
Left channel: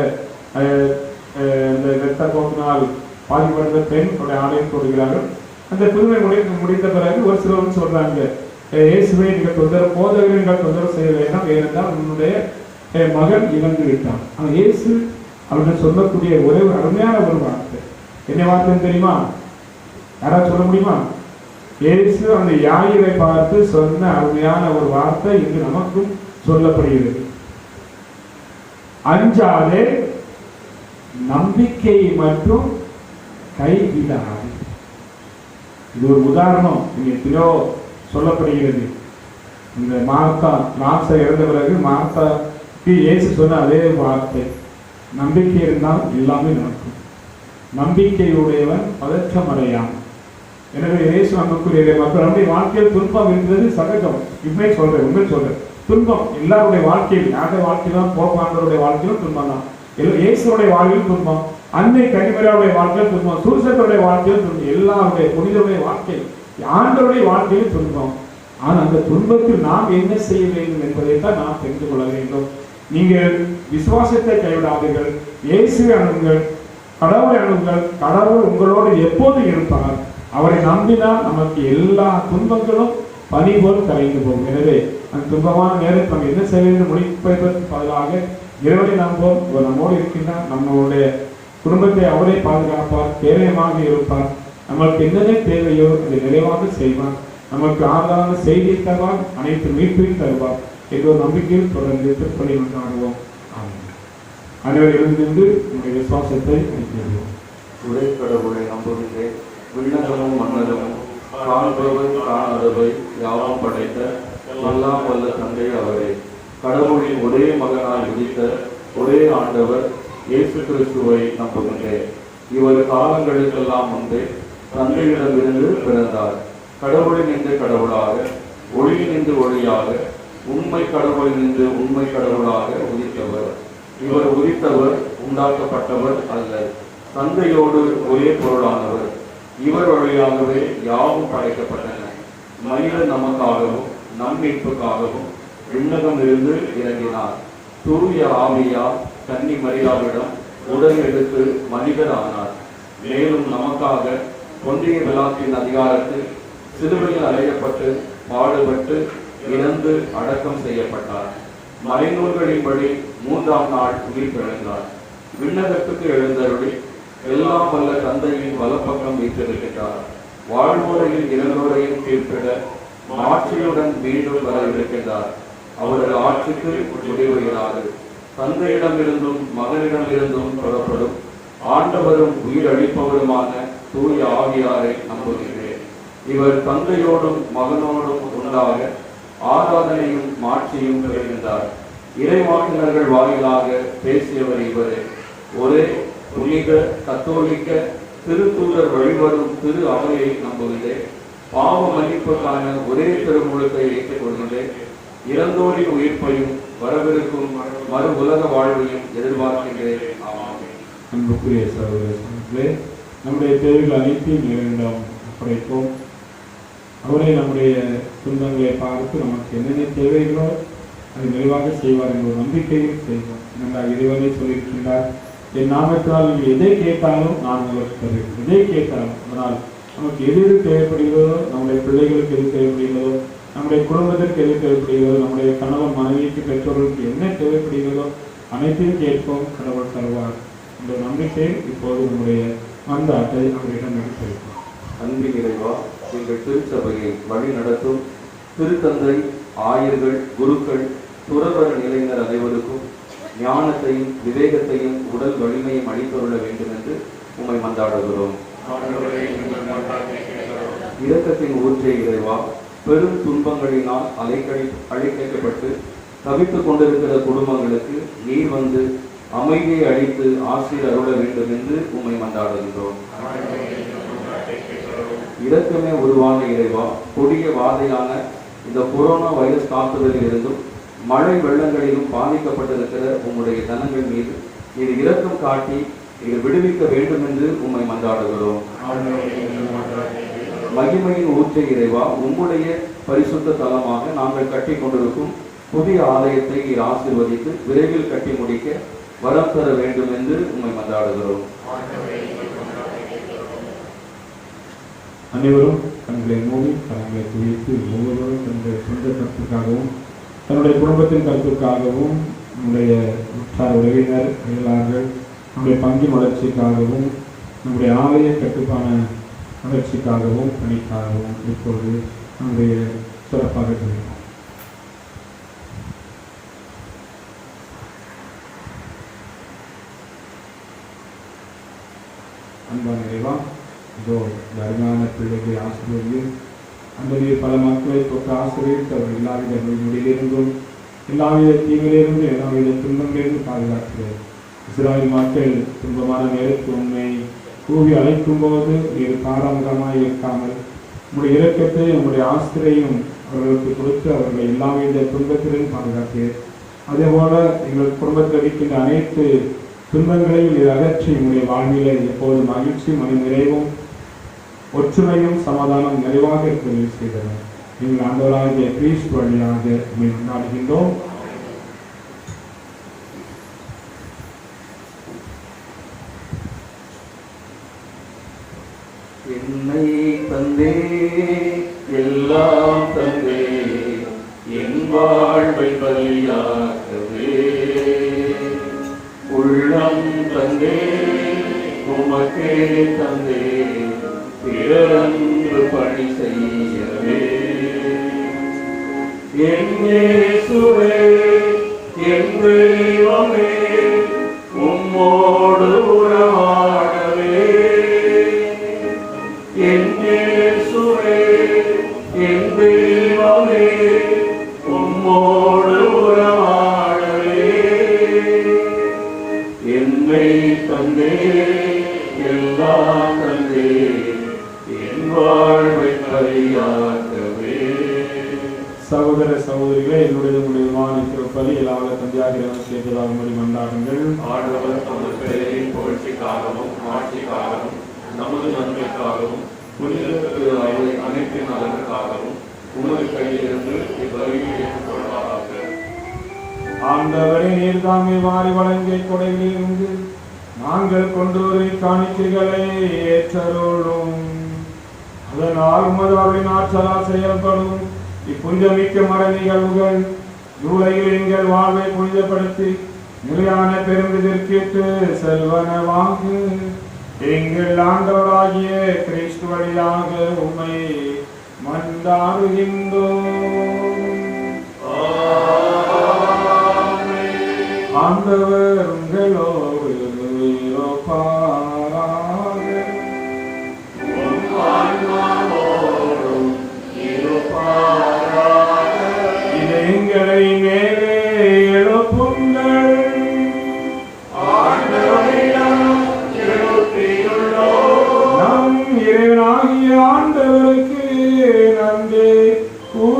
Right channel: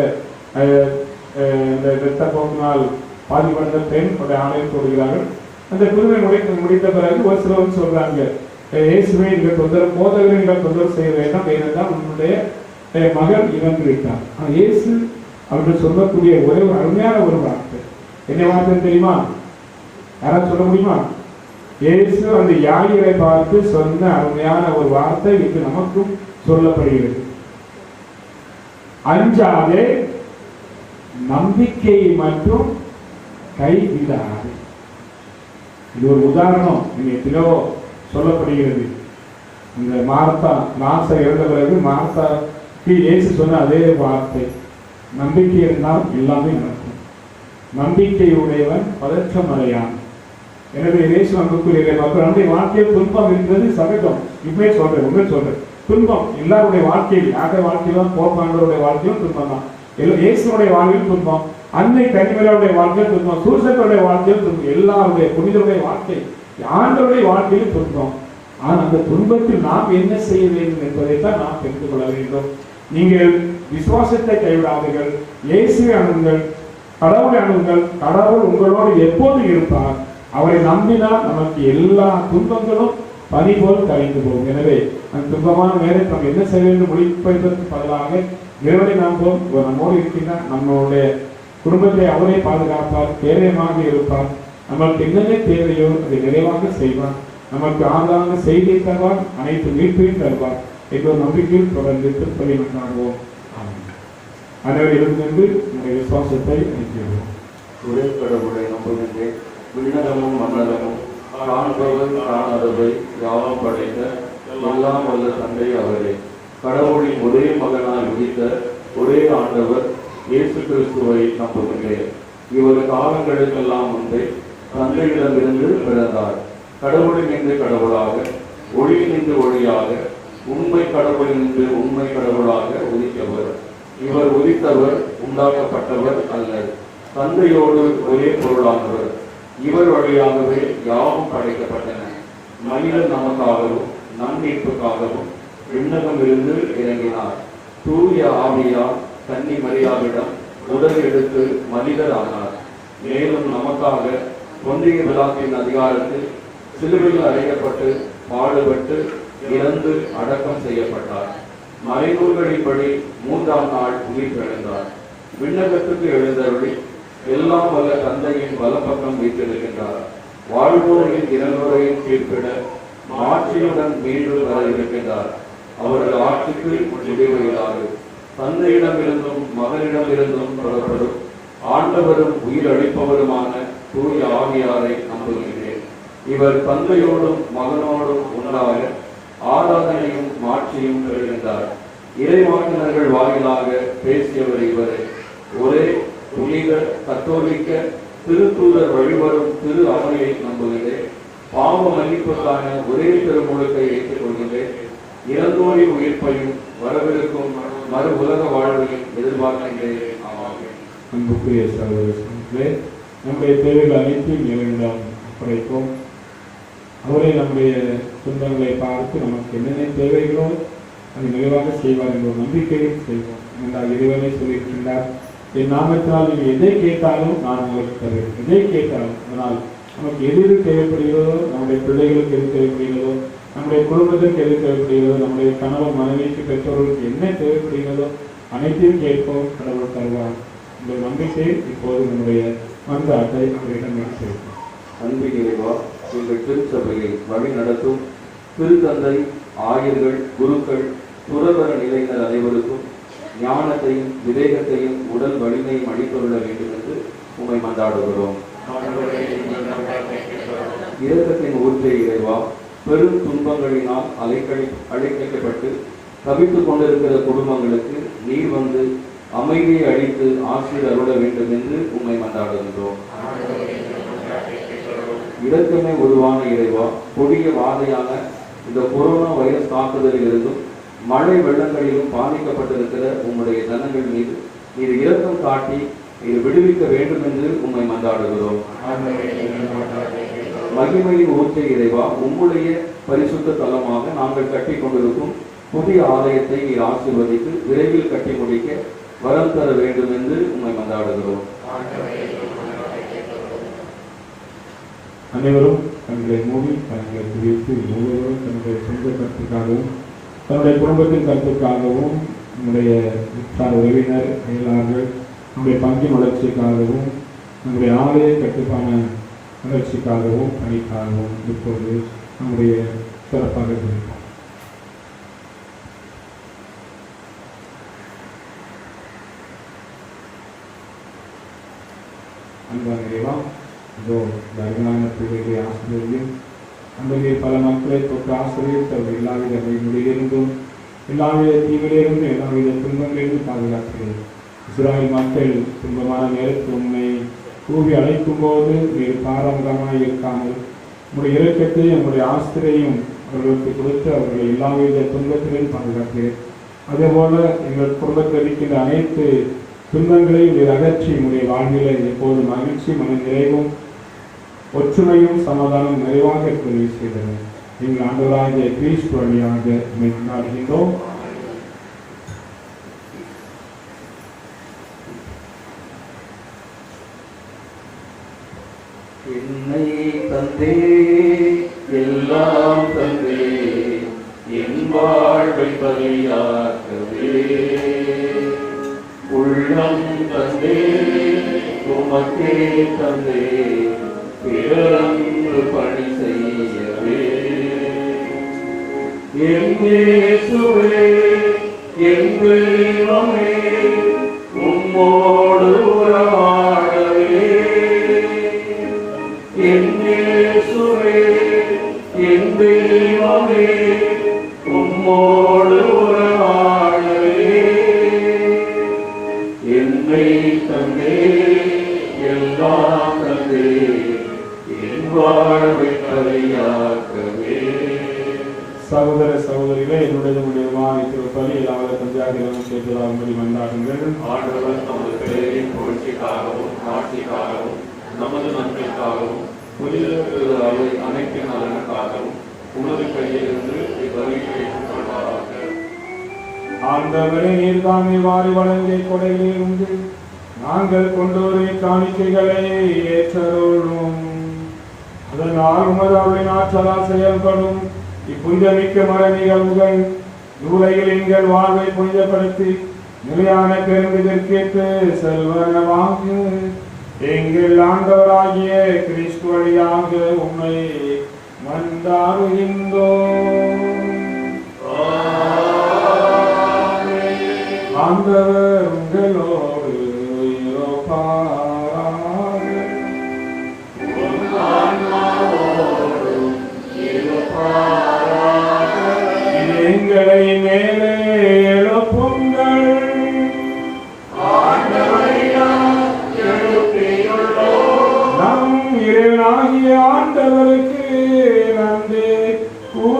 இந்த இரத்த போக்கினால் பாதிப்படைந்த பெண் ஆலயம் போடுகிறார்கள். அந்த புதுமை முடித்த பிறகு ஒரு சிலர் சொல்றாங்க, இயேசுவை நீங்கள் தொந்தரவு, போதகரை நீங்கள் தொந்தரவு செய்ய வேண்டாம், ஏனென்றால் உன்னுடைய மகன் இறந்து விட்டான். ஆனால் இயேசு அவர்கள் சொல்லக்கூடிய ஒரே ஒரு அருமையான ஒரு வார்த்தை, என்ன வார்த்தைன்னு தெரியுமா? யாராவது சொல்ல முடியுமா? இயேசு அந்த யாயிரை பார்த்து சொன்ன அருமையான ஒரு வார்த்தை இன்று நமக்கும் சொல்லப்படுகிறது. அஞ்சாதே, நம்பிக்கை மற்றும் கைவிடாது. இது ஒரு உதாரணம் எத்தனையோ சொல்லப்படுகிறது. இந்த மார்த்தா இறந்த பிறகு மார்த்தாக்கு இயேசு சொன்ன அதே வார்த்தை, நம்பிக்கை இருந்தால் எல்லாமே நடக்கும், நம்பிக்கையுடையவன் பதற்றமடையான். எனவே இயேசு அன்புக்குரிய மக்கள், நம்முடைய வாழ்க்கையில் துன்பம் இருக்கிறது சகஜம். உண்மை சொல்றேன், துன்பம் எல்லாருடைய வாழ்க்கையில், யாருடைய வாழ்க்கையிலும், போப்பாண்டருடைய வாழ்க்கையிலும் துன்பம் தான். இயேசுடைய வாழ்க்கையில் துன்பம், அன்னை கனிமலாவுடைய வாழ்க்கையில் துன்பம், சூசனுடைய வாழ்க்கையில் துன்பம், எல்லாருடைய புனிதருடைய வாழ்க்கை, ஆண்டவருடைய வாழ்க்கையில் துன்பம். ஆனால் அந்த துன்பத்தில் நாம் என்ன செய்ய வேண்டும் என்பதைத்தான் நாம் தெரிந்து கொள்ள வேண்டும். நீங்கள் விசுவாசத்தை கைவிடாதீர்கள், இயேசுவை அணுங்கள், கடவுளை அணுங்கள். கடவுள் உங்களோடு எப்போது இருப்பார். அவரை நம்பினால் நமக்கு எல்லா துன்பங்களும் பனி போல் கரைந்து போகும். எனவே அந்த துன்பமான நேரத்தை நாம் என்ன செய்ய வேண்டும் முடிப்பதற்கு பதிலாக இறைவனை நம்புவோம். நம்மோடு இருக்கின்றார், நம்மளுடைய குடும்பத்தை அவரே பாதுகாப்பார், தேவையமாக இருப்பார். நமக்கு என்னென்ன தேவையோ அதை நிறைவாக செய்வார். நமக்கு ஆதார செய்தியை தருவார், அனைத்து மீட்பையும் தருவார் என்ற ஒரு நம்பிக்கையில் தொடர்ந்து திருப்பதியை கொண்டாடுவோம். அனைவரும் எழுந்திருந்து நம்முடைய விசுவாசத்தை அளிக்கிறோம். ஒரே கடவுளை நம்புகின்றேன், விண்ணகமும் மன்னரமும் காண்பவை காணாதவை யாவும் படைத்த எல்லாம் வல்ல தந்தை அவரே. கடவுளின் ஒரே மகனாய் உதித்த ஒரே ஆண்டவர் இயேசு கிறிஸ்துவை நம்புகின்றேன். இவர் காலங்களுக்கெல்லாம் முன்பே தந்தையிடமிருந்து பிறந்தார். கடவுளினின்று கடவுளாக, ஒளியினின்று ஒளியாக, உண்மை கடவுளினின்று உண்மை கடவுளாக உதித்தவர். இவர் உதித்தவர், உண்டாக்கப்பட்டவர் அல்ல, தந்தையோடு ஒரே பொருளானவர். இவர் வழியாகவே யாவும் படைக்கப்பட்டன. மனிதர் நமக்காகவும் நம் மீட்புக்காகவும் விண்ணகமிருந்து இறங்கினார். தூய ஆவியார் தன்னி மரியாதையிடம் உடல் எடுத்து மனிதர் ஆனார். மேலும் நமக்காக பொன்னிய விழாத்தின் அதிகாரத்தில் சிலுவையில் அறையப்பட்டு பாடுபட்டு இறந்து அடக்கம் செய்யப்பட்டார். மறைநூல்களின்படி 3ஆம் நாள் உயிர் பிறந்தார். விண்ணகத்துக்கு எழுந்தருளி எல்லாம் வல்ல தந்தையின் வலப்பக்கம் வீற்றிருக்கின்றார். வாழ்வோரையும் இறந்தோரையும் தீர்ப்பிட மாட்சியுடன் மீண்டும் வர இருக்கின்றார். அவரது ஆட்சிக்கு முடிவுகிறார். தந்தையிடமிருந்தும் மகனிடமிருந்தும் புறப்படும் ஆண்டவரும் உயிர் அளிப்பவருமான தூய ஆவியாரை நம்புகின்றேன். இவர் தந்தையோடும் மகனோடும் உண்டாக ஆராதனையும் மாட்சியும் பெறுகின்றார். இறைவாக்கினர்கள் வாயிலாக பேசியவர் இவரே. ஒரே புனித கத்தோலிக்க திருத்தூதர் வழிவரும் திரு அவையை நம்புகிறேன். பாவ மன்னிப்புக்கான ஒரே திருமுழுக்கை ஏற்றுக் கொள்கிறேன். இறந்தோரின் உயிர்ப்பையும் வரவிருக்கும் மறு உலக வாழ்வையும் எதிர்பார்க்கின்றேன். ஆமென். அன்புக்குரிய சகோதர சகோதரிகளே, நம்முடைய தேவைகள் அனைத்தையும் இறைவனிடம் ஒப்படைப்போம். அவரே நம்முடைய சொந்தங்களை பார்த்து நமக்கு என்னென்ன தேவைகளோ அதை நிறைவாக செய்வார் என்ற ஒரு நம்பிக்கையும் செய்வோம். என்றால் இறைவனை சொல்லியிருக்கின்றார், என் நாமத்தினால் நீங்கள் எதை கேட்டாலும் நான் உங்களுக்கு தருவேன். எதை கேட்டாலும், அதனால் நமக்கு எது தேவைப்படுகிறதோ, நம்முடைய பிள்ளைகளுக்கு எது தேவைப்படுகிறதோ, நம்முடைய குடும்பத்திற்கு எது தேவைப்படுகிறதோ, நம்முடைய கணவன் மனைவிக்கு பெற்றோர்களுக்கு என்ன தேவைப்படுகிறதோ அனைத்தையும் கேட்போம், கடவுள் தருவார். இந்த நம்பிக்கை இப்போது நம்முடைய மன்றாட்டை அவரிடம் நடத்திருக்கோம். அன்பின் இறைவா, எங்கள் திருச்சபையை வழி நடத்தும் திருத்தந்தை, ஆயர்கள், குருக்கள், துறவற நிலையினர் அனைவருக்கும் ஞானத்தையும் விவேகத்தையும் உடல் வலிமையும் அளித்துள்ள வேண்டும் என்று உம்மை மன்றாடுகிறோம். இரக்கத்தின் ஊற்றே இறைவா, பெரும் துன்பங்களினால் அலைக்கழிக்கப்பட்டு தவித்துக் கொண்டிருக்கிற குடும்பங்களுக்கு நீர் வந்து அமைதியை அளித்து ஆசீர் அருள வேண்டும் என்று உம்மை மன்றாடுகின்றோம். இரக்கமே உருவான இறைவா, கொடிய வாதையான இந்த கொரோனா வைரஸ் தாக்குதலில் இருந்தும் மழை வெள்ளங்களிலும் பாதிக்கப்பட்டிருக்கிற உம்முடைய ஜனங்கள் மீது நீர் இரக்கம் காட்டி நீர் விடுவிக்க வேண்டும் என்று உம்மை மன்றாடுகிறோம். மகிமையின் ஊற்றை இறைவா, உம்முடைய பரிசுத்த தலமாக நாங்கள் கட்டி கொண்டிருக்கும் புதிய ஆலயத்தை நீர் ஆசீர்வதித்து விரைவில் கட்டி முடிக்க வரம் தர வேண்டும் என்று உம்மை மன்றாடுகிறோம். அனைவரும் தங்களை மூடி தங்களை குறித்து ஒவ்வொருவரும் தன்னுடைய சொந்த கருத்துக்காகவும் தன்னுடைய குடும்பத்தின் கருத்துக்காகவும் நம்முடைய உற்சாக உறவினர் அயலார்கள் நம்முடைய பங்கின் வளர்ச்சிக்காகவும் நம்முடைய ஆலய கட்டுப்பான வளர்ச்சிக்காகவும் பணிக்காகவும் இப்போது நம்முடைய சிறப்பாக இருக்கிறோம். அன்பான இறைவா, இதோ இந்த அருமையான பிள்ளைகளை ஆசிரியரையும் அந்த பல மக்களை தொட்டு ஆசிரியர் அவர் எல்லாவித முடியிலிருந்தும் எல்லாவித தீவிலிருந்தும் எல்லாவித துன்பங்களிலிருந்து பாதுகாக்கிறோம். இஸ்ராயல் மக்கள் துன்பமான நேரத்தில் உண்மை கூவி அழைக்கும் போது வேறு பாரம்பரியமாக இருக்காமல் நம்முடைய இரக்கத்தை நம்முடைய ஆசிரியரையும் அவர்களுக்கு கொடுத்து அவர்களை எல்லாவித துன்பத்திலும் பாதுகாக்கிறேன். அதேபோல எங்கள் குடும்பத்தில் இருக்கின்ற அனைத்து துன்பங்களையும் அகற்றி நம்முடைய வாழ்வில எப்போது மகிழ்ச்சி, மன நிறைவும், ஒற்றுமையும் சமாதானம் நிறைவாக இருப்பதை செய்தது. நீங்கள் ஆண்டவராகிய கிறிஸ்து வழியாக கொண்டாடுகின்றோம். என்னை தந்தே எல்லாம் தந்தே என் வாழ்வை பலியாக்கவே, உள்ளம் தந்தே உமக்கே தந்தே பிறந்து பணி செய்யவே. என் இயேசுவே, என் தெய்வமே, உம்மோடு உறவாடவே. என் இயேசுவே, என் தெய்வமே, உம்மோடு உறவாடவே. என்னை தந்தே எல்லாம் தந்தே என் வாழ்வை பலியாக்கவே. சகோதர சகோதரிகளே, என்னுடைய பலி எல்லாவித தந்தையாகிற மன்றாடுங்கள். ஆண்டவர் நமது பெயரின் புகழ்ச்சிக்காகவும் ஆட்சிக்காகவும் நமது நன்மைக்காகவும் புனிதத்திற்கு அனைத்து நலனுக்காகவும் உனது கையிலிருந்து இவ்வழியை ஏற்றுக்கொள்வாராக. ஆண்டவரே, நீர் தாமே வாரி வழங்கிய கொடைகளிலிருந்து நாங்கள் கொண்டு வரும் காணிக்கைகளை ஏற்றருளும். அதனால் உமது அருளின் ஆற்றலால் செயல்படும் இப்புனிதமிக்க மர நிகழ்வுகள் இவ்வுலகில் எங்கள் வாழ்வை புனிதப்படுத்தி நிலையான பெருமிதற்கேற்று செல்வனவாக எங்கள் ஆண்டவராகிய கிறிஸ்து வழியாக உம்மை மன்றாடுகின்றோம். ஆண்டவர் உங்களோடு இருப்பாராக. எங்களை மேலே எழுப்புங்கள். நம் இறைவனாகிய ஆண்டவருக்கு நன்றி கூறுவோம்.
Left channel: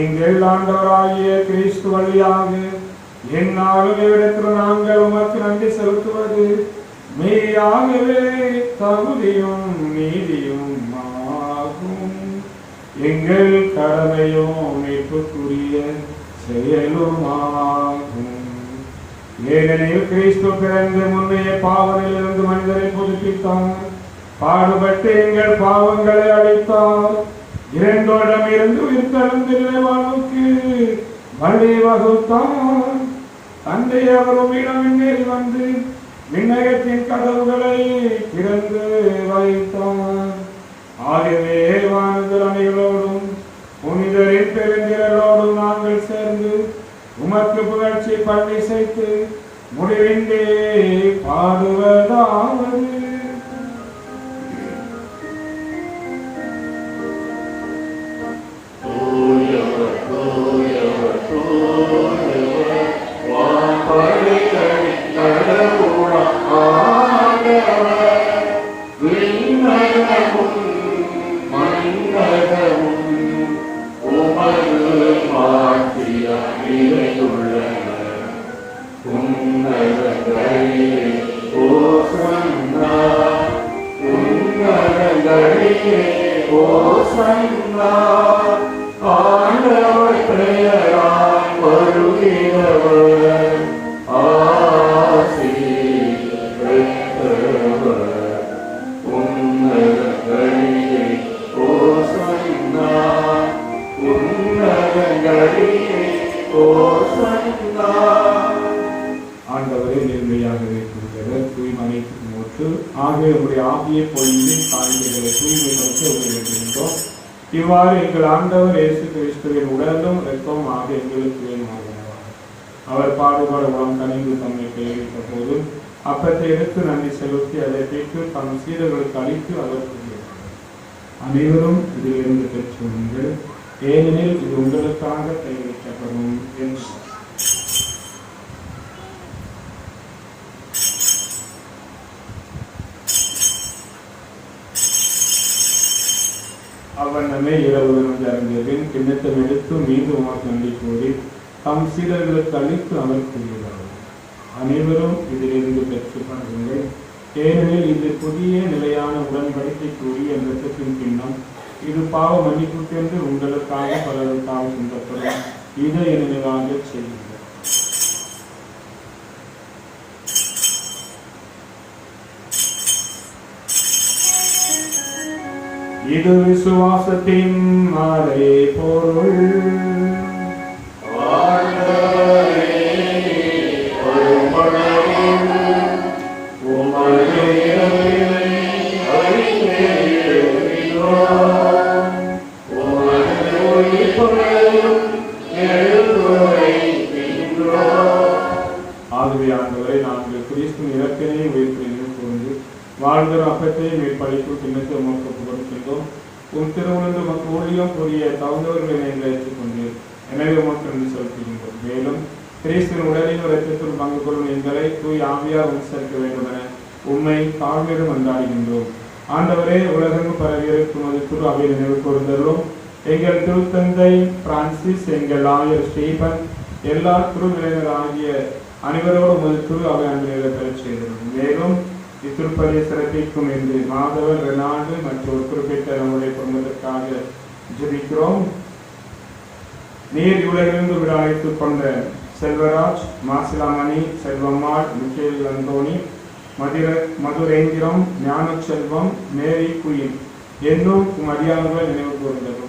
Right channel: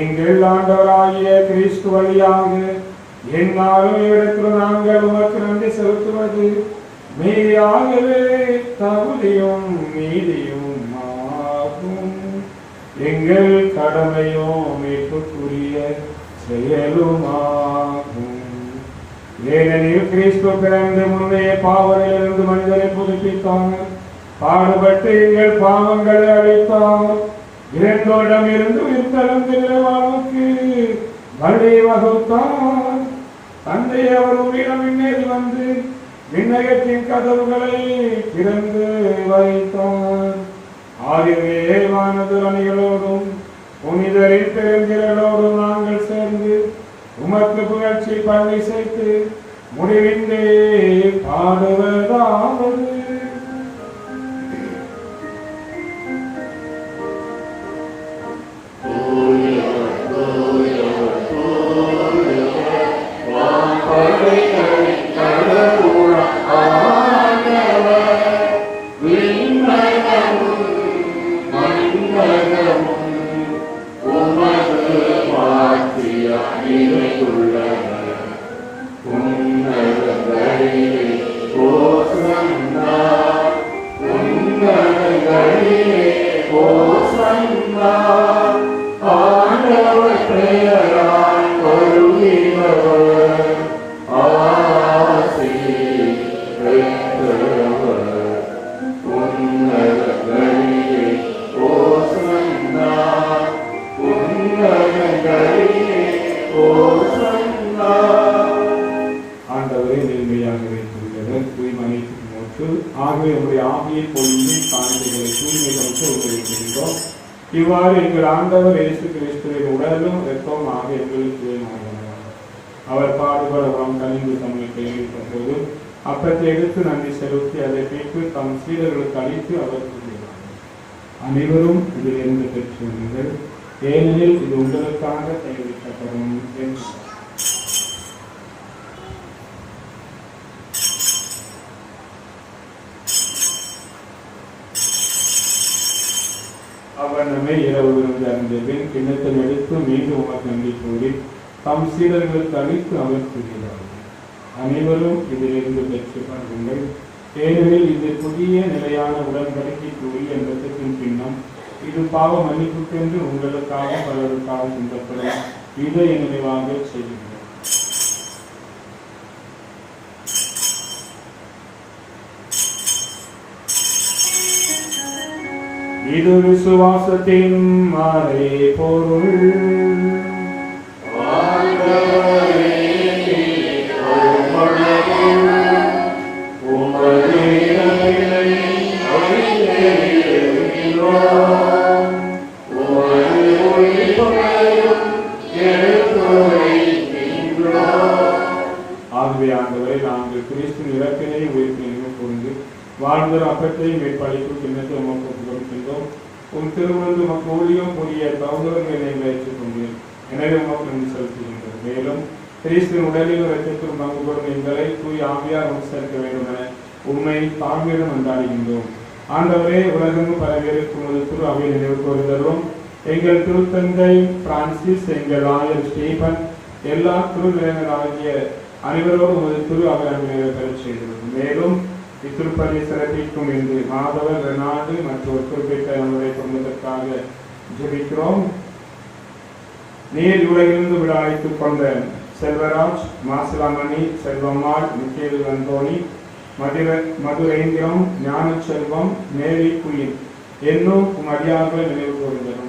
எங்கள் ஆண்டவராகிய கிறிஸ்து வழியாக என்னாலும் இடத்தில் நாங்கள் உமக்கு நன்றி செலுத்துவது மெய்யாகவே தகுதியும் நீதியும் ஆகும். எங்கள் கடமையும் மீட்புக்குரிய செயலுமாகும். ஏனெனில் கிறிஸ்து பிறந்து முன்னே பாவங்களிலிருந்து மனிதரை புதுப்பித்தார், பாடுபட்டு எங்கள் பாவங்களை அழைத்தார், இரண்டோடம் இருந்து வித்தளந்தில்லை வாழ்வுக்கு வழி வகுத்தார். தந்தை அவர் உம்மிடம் முன்னேறி வந்து விண்ணகத்தின் கதவுகளை திறந்து வைத்தார். ஆகவே வானவர் அணிகளோடும் புனிதரின் பெருந்திரளோடும் நாங்கள் சேர்ந்து உமக்கு புகழ்ச்சி பண்ணி செய்து முடிவின்றி பாடுவதாவது. ஆண்டவரே நேர்மையாகவே கூறுகிறவர் தூய்மையை நோக்கு. ஆகவே உடைய ஆவியை பொழுது காணிக்கைகளை தூய்மைப்படுத்த உதவிக்கின்றோம். இவ்வாறு எங்கள் ஆண்டவர் இயேசு கிறிஸ்துவின் உடலும் இரத்தமும் ஆக எங்களுக்கு தூய்மையாகிறார். அவர் பாடுபடலாம் கனிந்து தம்மை கைவிட்ட போது அப்பத்தை எடுத்து நன்றி செலுத்தி அதை பெற்று தம் சீடர்களுக்கு அளித்து அவர் கூறுகிறார், அனைவரும் இதில் இருந்து பெற்றுள்ளீர்கள், ஏனெனில் இது உங்களுக்காக கைவிட்டப்படும் என்று. அவ்வண்ணமே இரவு அருந்தியபின் கிண்ணத்தில் எடுத்து மீண்டும் உமக்கு நன்றி கூறி தம் சீடர்களுக்கு அளித்து அவர் கூறுகிறார்கள், அனைவரும் இதிலிருந்து பெற்று பாருங்கள், ஏனெனில் இது புதிய நிலையான உடன்படிக்கைக்குரிய இரத்தத்தின் பின்னம், இது பாவ மன்னிப்புக்கென்று உங்களுக்காக பலருக்காக சிந்தப்படும், இதை நினைவாக செய்யுங்கள். இது விசுவாசத்தின் மாலை பொருள். ஆகவே ஆண்டவரை நாங்கள் கிறிஸ்துவின் இலக்கினை உயிர்ப்பினை புரிந்து வாழ்ந்த அப்பத்தை மேற்படிப்பு கிண்ணத்தை உமக்கு கொடுக்கின்றோம். உம் திருமணந்து உமக்கு ஊழியம் புரிய தகுந்தவர்களை நீங்கள் ஏற்றுக்கொண்டீர், எனவே உமக்கு நன்றி செலுத்துகின்றோம். மேலும் கிறிஸ்துவின் உடலில் இரத்தத்தில் பங்கு கொள்ளும் எங்களை தூய் ஆவியார் உம் சேர்க்க வேண்டும் என உண்மை தாழ்மையிடம் கொண்டாடுகின்றோம். ஆண்டவரே, உலகெங்கும் பரவியிருக்கும் ஒரு திரு அவை நினைவு கூர்ந்தரும். எங்கள் திருத்தந்தை பிரான்சிஸ், எங்கள் ஆயர் ஸ்டீபன், எல்லா குருவினர் ஆகிய அனைவரோடும் ஒரு திரு அவை அன்புகளை பெறச் செய்கிறோம். மேலும் இத்திருப்பதை சிறப்பிக்கும் என்று மாதவர் ரெனால்டு மற்றும் ஒரு குறிப்பிட்ட நம்முடைய குடும்பத்திற்காக ஜெபிக்கிறோம். நீர் உலகிலிருந்து விட அழைத்துக் கொண்ட செல்வராஜ், மாசிலாமணி, செல்வம்மாள், மிக்கேல் அந்தோனி, மதுரேந்திரம், ஞான செல்வம், மேரி குயின் என்னும் அடியார்கள் நினைவு கூர்ந்தனர்.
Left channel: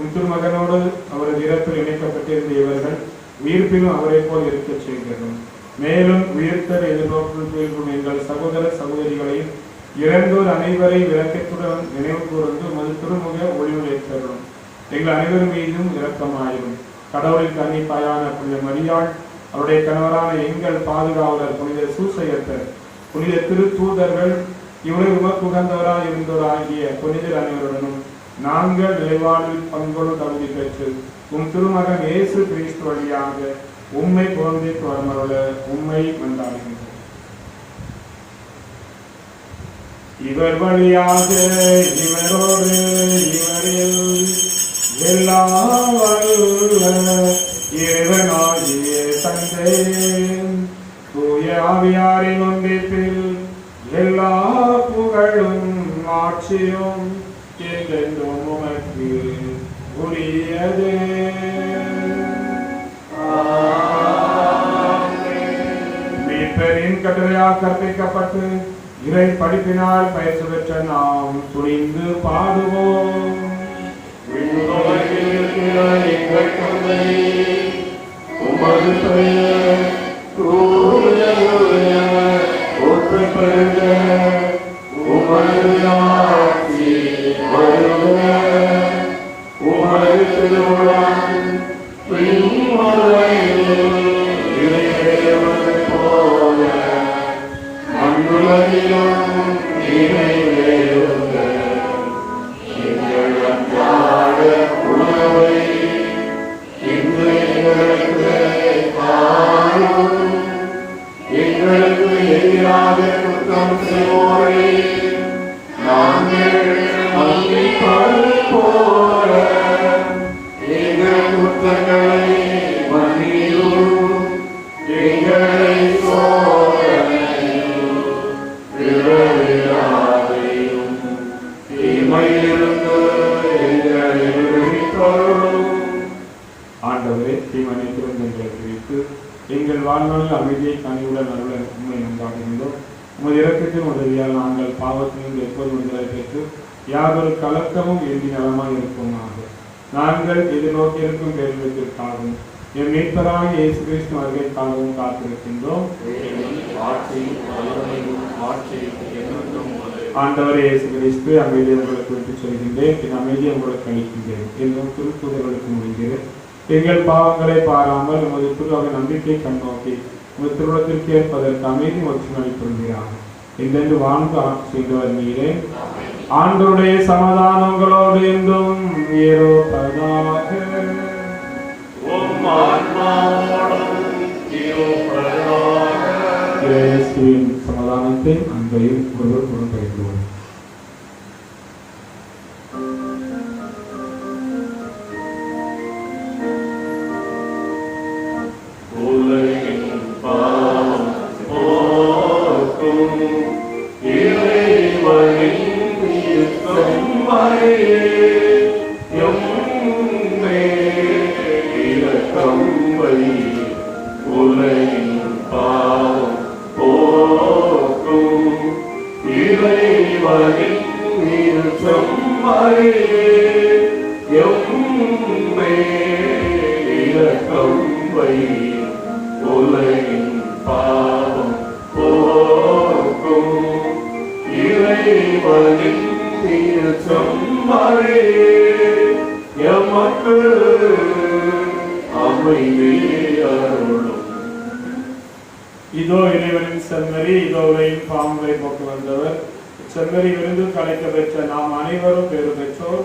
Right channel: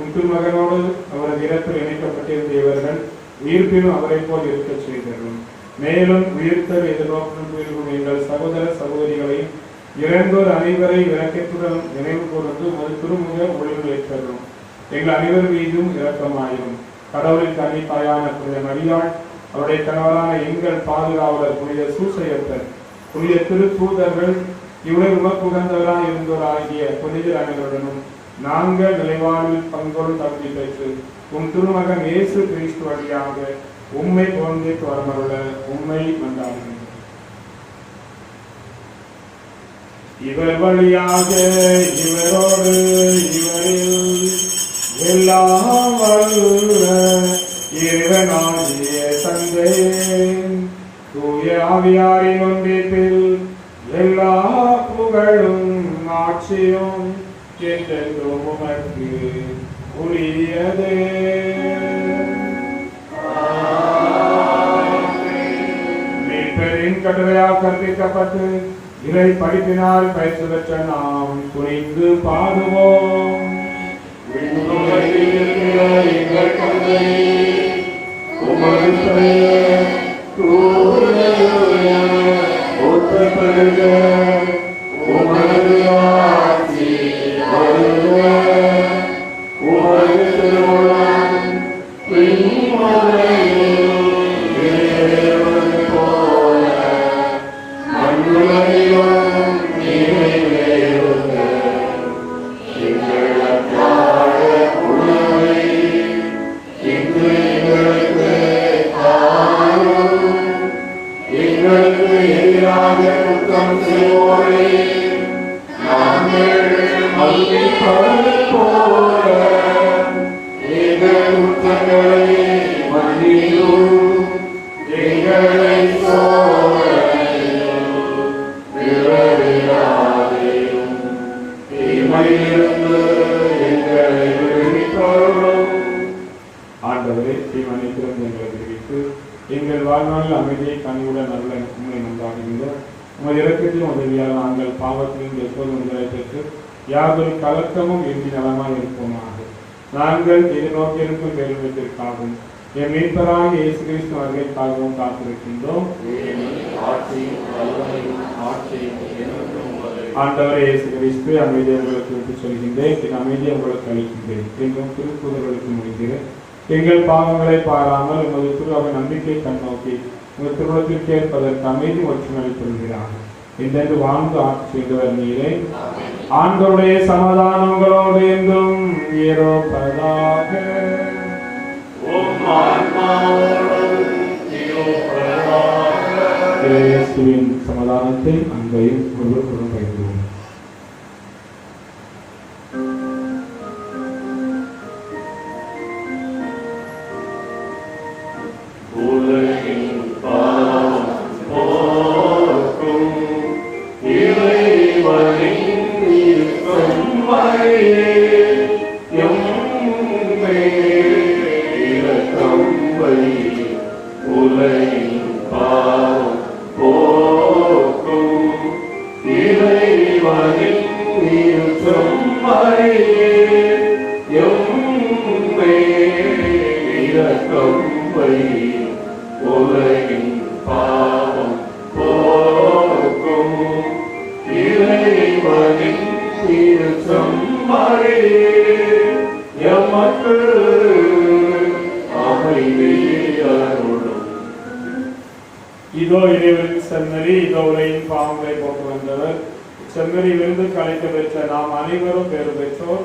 உம் திருமகனோடு அவரது இறப்பில் இணைக்கப்பட்டிருந்த இவர்கள் உயிர்ப்பிலும் அவரை போல் இருக்க செய்கிறோம். மேலும் உயிர்த்தல் எதிர்பார்க்கும் எங்கள் சகோதர சகோதரிகளையும் இறந்தோர் அனைவரை இரக்கத்துடன் நினைவு கூர்ந்து ஒரு திருமுக ஒளிவு ஏற்றரும். எங்கள் அனைவர் மீதும் இரக்கமாயிரும். கடவுளின் கன்னித்தாயான புனித மரியாள், அவருடைய கணவரான எங்கள் பாதுகாவலர் புனித சூசையப்பர், புனித திரு தூதர்கள், இவ்வளவு உமக்குகந்தவராய் இருந்தோராகிய புனிதர் அனைவருடனும் நாங்கள் நிலைவாழ்வில் பங்கோடு தகுதி பெற்று உம் திருமகன் இயேசு கிறிஸ்து வழியாக உம்மை பொருந்தி வரமருள உம்மை கொண்டாடுகின்றோம். இவர் வழியாக இவரோடு இவரில் எல்லாம் வல்ல இறைவனாகிய தந்தை தூய ஆவியாரின் ஒன்றிப்பில் எல்லா புகழும் ஆட்சியும் என்றென்றும் உமக்கு உரியதே. மீட்பரின் கட்டளையால் கற்பிக்கப்பட்டு இறை படிப்பினால் பயிற்சி பெற்ற நாம் துணிந்து பாடுவோம். எங்கள் தந்தையே, உமது பெயர் ஒப்பப்படுக, உமது ஆட்சி வருக, உமது திருவுளம் விண்ணுலகில் நிறைவேறுவது போல மண்ணுலகிலும் நிறைவேறுக. எங்கள் அன்றாட உணவை இன்று எங்களுக்கு தாரும். எங்களுக்கு எதிராக குற்றம் செய்வோரை நாங்கள் மன்னிப்பது போல எங்கள் குற்றங்களை மன்னியும். எங்களை சோதனையில் விழவிடாதேயும், தீமையிலிருந்து எங்களை விடுவித்தருளும். ஆண்டவரே, தீமனைத்திலிருந்து எங்களை விடுவித்து எங்கள் வாழ்நாளில் அமைதியை கனிவுடன் அருள உண்மை நன்றாகின்றோம். உமது இரக்கத்தின் உதவியால் நாங்கள் பாவத்திலிருந்து எப்போது விடுதலை பெற்று யாதொரு கலக்கமும் இன்றி நலமாய் இருப்போமாக. நாங்கள் எதிர்நோக்கியிருக்கும் வேறுவிற்காகவும் என் மீட்பராக இயேசு கிறிஸ்து வருகைக்காகவும் காத்திருக்கின்றோம். ஆண்டவர் இயேசு கிறிஸ்து அமைதியை உங்களுக்கு விட்டுச் சொல்கின்றேன், என் அமைதியை உங்களுக்கு அளிக்கின்றேன் என்றும் திருத்தூதர்களுக்கு முடிகிறேன். எங்கள் பாவங்களை பாராமல் உமது திருவாவை நம்பிக்கை கண்ணோக்கி உமது திருமணத்திற்கு ஏற்பதற்கு அமைதி மற்றும் அளித்துள்ளார். இந்த வாழ்ந்து ஆட்சி செய்தவர் நீரே. ஆண்டவருடைய சமாதானங்களோடு என்றும் இருப்பதாக. இயேசுவின் சமாதானத்தை அன்பையும் ஒருவருக்கொருவர் பகிர்வோம். இதோ இறைவனின் செம்மறி, இதோ உலகின் பாவங்களை போக்கு வந்தவர். செம்மறியிலிருந்து கலைத்து பெற்ற நாம் அனைவரும் பேறு பெற்றோர்.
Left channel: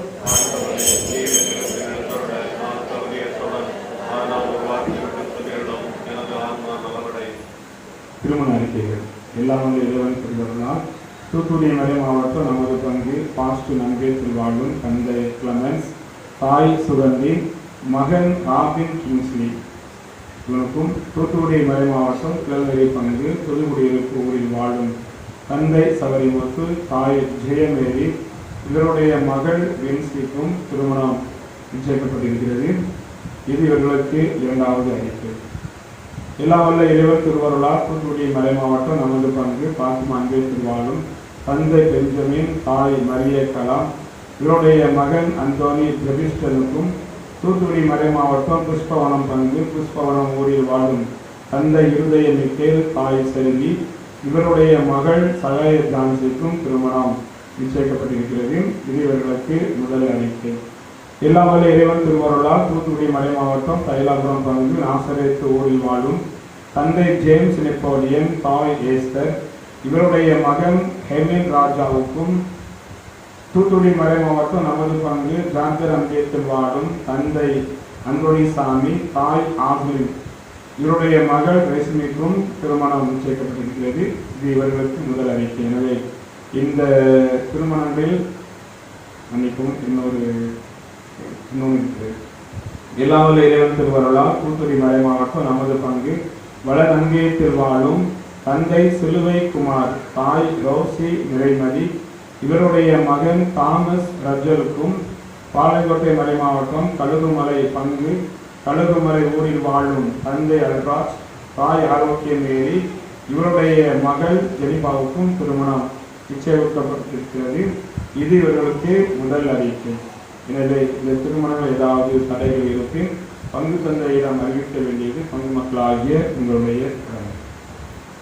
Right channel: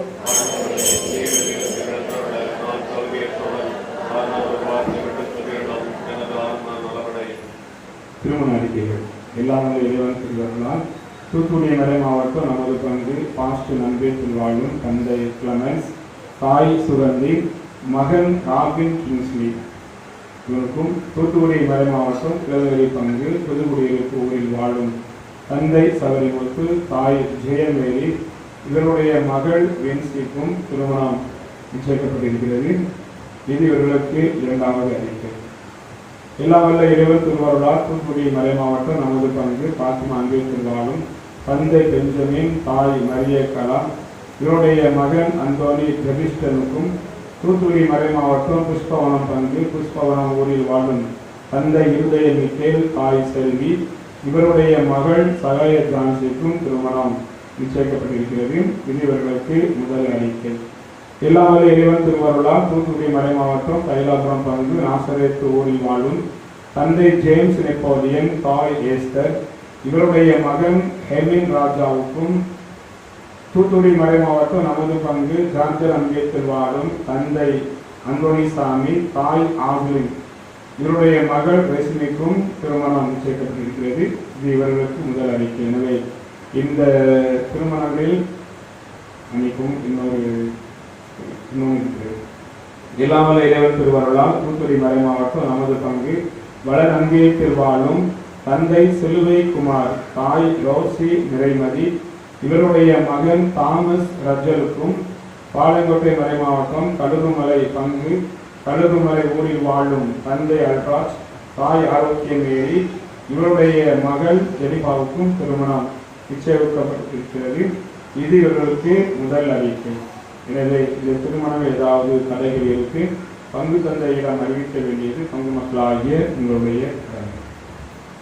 திருமண அறிக்கைகள் எல்லாம் இறைவன் திருவருளால் தூத்துக்குடி மறை மாவட்டம் நமது பங்கு பாஸ்டர் நம்பி திருவாளும் தந்தை கிளமென்ஸ், தாய் சுகந்தி, மகன் ராபின் கிங்ஸ்லி இவருக்கும் தூத்துக்குடி மறை மாவட்டம் கிளவரி பங்கு புதுக்குடியிருப்பு ஊரில் வாழும் தந்தை சவரிமுத்து, தாய் ஜெயமேரி இவருடைய மகள் வென்சிக்கும் திருமணம் நிச்சயிக்கப்பட்டிருக்கிறது. இது இவர்களுக்கு இரண்டாவது அறிக்கை. எல்லா வல்ல இறைவன் திருவருளால் தூத்துக்குடி மறை மாவட்டம் நமது பங்கு பாத்திமா அன்பே திருவாளும் தந்தை பெஞ்சமின், தாய் மரிய கலாம் இவருடைய மகன் அந்தோனி ஜெபிஸ்டனுக்கும் தூத்துக்குடி மறை மாவட்டம் புஷ்பவனம் பங்கு புஷ்பவனம் ஊரில் வாழும் தந்தை இருதய மிக்கேல், தாய் செல்வி இவருடைய மகள் சகாய ஜான்சிக்கும் திருமணம் நிச்சயிக்கப்பட்டிருக்கிறது. இது இவர்களுக்கு முதல் அறிக்கை. எல்லாம் வல்ல இறைவன் திருவருளால் தூத்துக்குடி மறை மாவட்டம் தைலாபுரம் பங்கு நாசரேத்து ஊரில் வாழும் தந்தை ஜேம்ஸ் நெப்போலியன், தாய் ஏஸ்தர் இவருடைய மகன் ஹெமின் ராஜாவுக்கும் தூத்துக்குடி மறை மாவட்டம் நமது பங்கு ஜான்சர் அம்பியத்தில் வாழும் தந்தை அந்தோனிசாமி, தாய் ஆகுலின் இவருடைய மகள் ரேஷ்மிக்கும் திருமணம் நிச்சயிக்கப்பட்டிருக்கிறது. இது இவர்களுக்கு முதல் அறிக்கை. எனவே இந்த திருமணங்களில் அன்னைக்கும் இன்னொரு இன்னும் எல்லாவல்ல இறைவன் திருவருளால் தூத்துக்குடி மறை மாவட்டம் நமது பங்கு வளநங்கை திருவாளும் தந்தை சிலுவை குமார், தாய் ரோசி நிறைமதி, இவருடைய மகன் தாமஸ் ரஜலுக்கும் பாளையங்கோட்டை மறை மாவட்டம் கழுகுமலை பங்கு கழுகுமலை ஊரில் வாழும் தந்தை அல்ராஜ், தாய் ஆரோக்கியமேரி, இவருடைய மகள் ஜெனிபாவுக்கும் திருமணம் நிச்சயிக்கப்பட்டிருக்கிறது. இது இவர்களுக்கு முதல் அறிவிப்பு. எனவே இந்த திருமணம் ஏதாவது தடைகள் இருக்கு, பங்கு தந்தையிடம் அறிவிக்க வேண்டியது பங்கு மக்களாகிய உங்களுடைய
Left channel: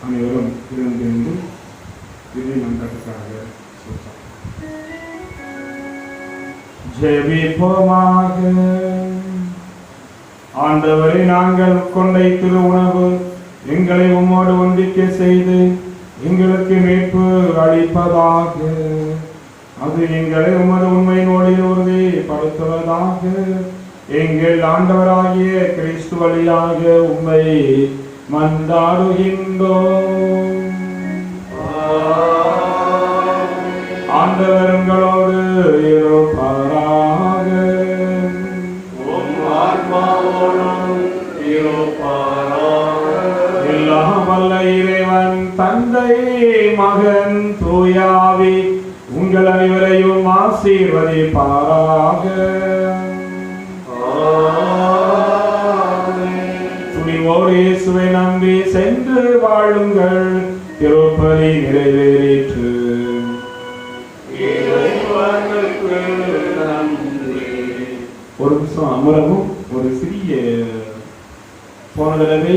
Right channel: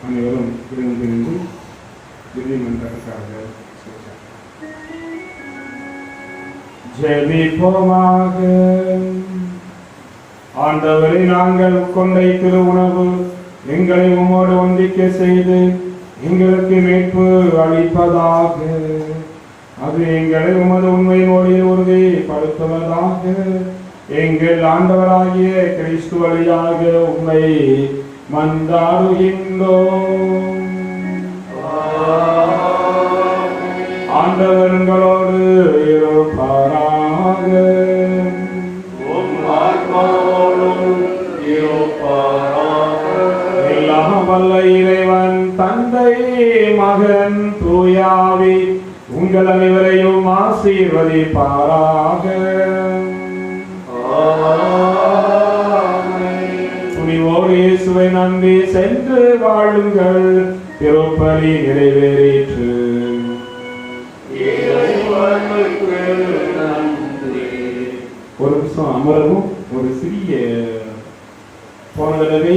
அனைவரும் இருந்து இறுதி மன்றத்துக்காக ஜெபிப்போமாக. ஆண்டவரை நாங்கள் கொண்டை திருவுணவு எங்களை உம்மோடு ஒன்றிக்க செய்து எங்களுக்கு மீட்பு அளிப்பதாக. அது எங்களை உமது உண்மையினோடு உறுதிப்படுத்துவதாக. எங்கள் ஆண்டவராகிய கிறிஸ்து வழியாக உம்மை மன்றாடுகின்றோம். ஆண்டவர்களோடு இருப்பாராக. எல்லாம் வல்ல இறைவன் தந்தை மகன் தூயாவி உங்கள் அனைவரையும் ஆசீர்வதிப்பாராக. துணிவோடு இயேசுவை நம்பி சென்று வாழுங்கள். திருப்பலி நிறைவேறிற்று. ஒரு நிமிஷம் அமரவும். ஒரு சிறிய போன தடவை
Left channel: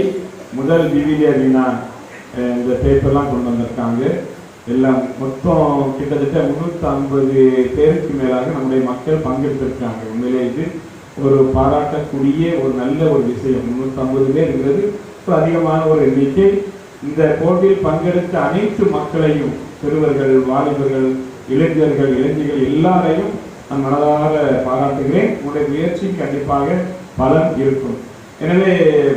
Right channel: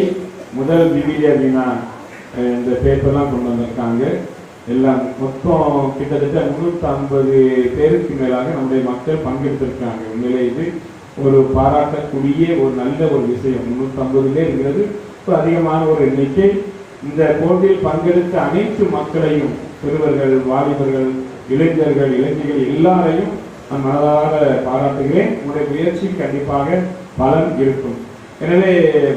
முதல் விவிலிய வினா இந்த பேப்பர்லாம் கொண்டு வந்திருக்காங்க. எல்லாம் மொத்தம் கிட்டத்தட்ட 350 பேருக்கு மேலாக நம்முடைய மக்கள் பங்கெடுத்திருக்காங்க. உண்மையிலே இது ஒரு பாராட்டக்கூடிய ஒரு நல்ல ஒரு விஷயம். 350 பேர் இருக்கிறது அதிகமான ஒரு எண்ணிக்கை. இந்த போட்டியில் பங்கெடுத்த அனைத்து மக்களையும், சிறுவர்கள், வாலிபர்கள், இளைஞர்கள், இளைஞர்கள் எல்லாரையும் நான் மனதார பாராட்டுகிறேன். உங்களுடைய முயற்சி கண்டிப்பாக பலன் இருக்கும். எனவே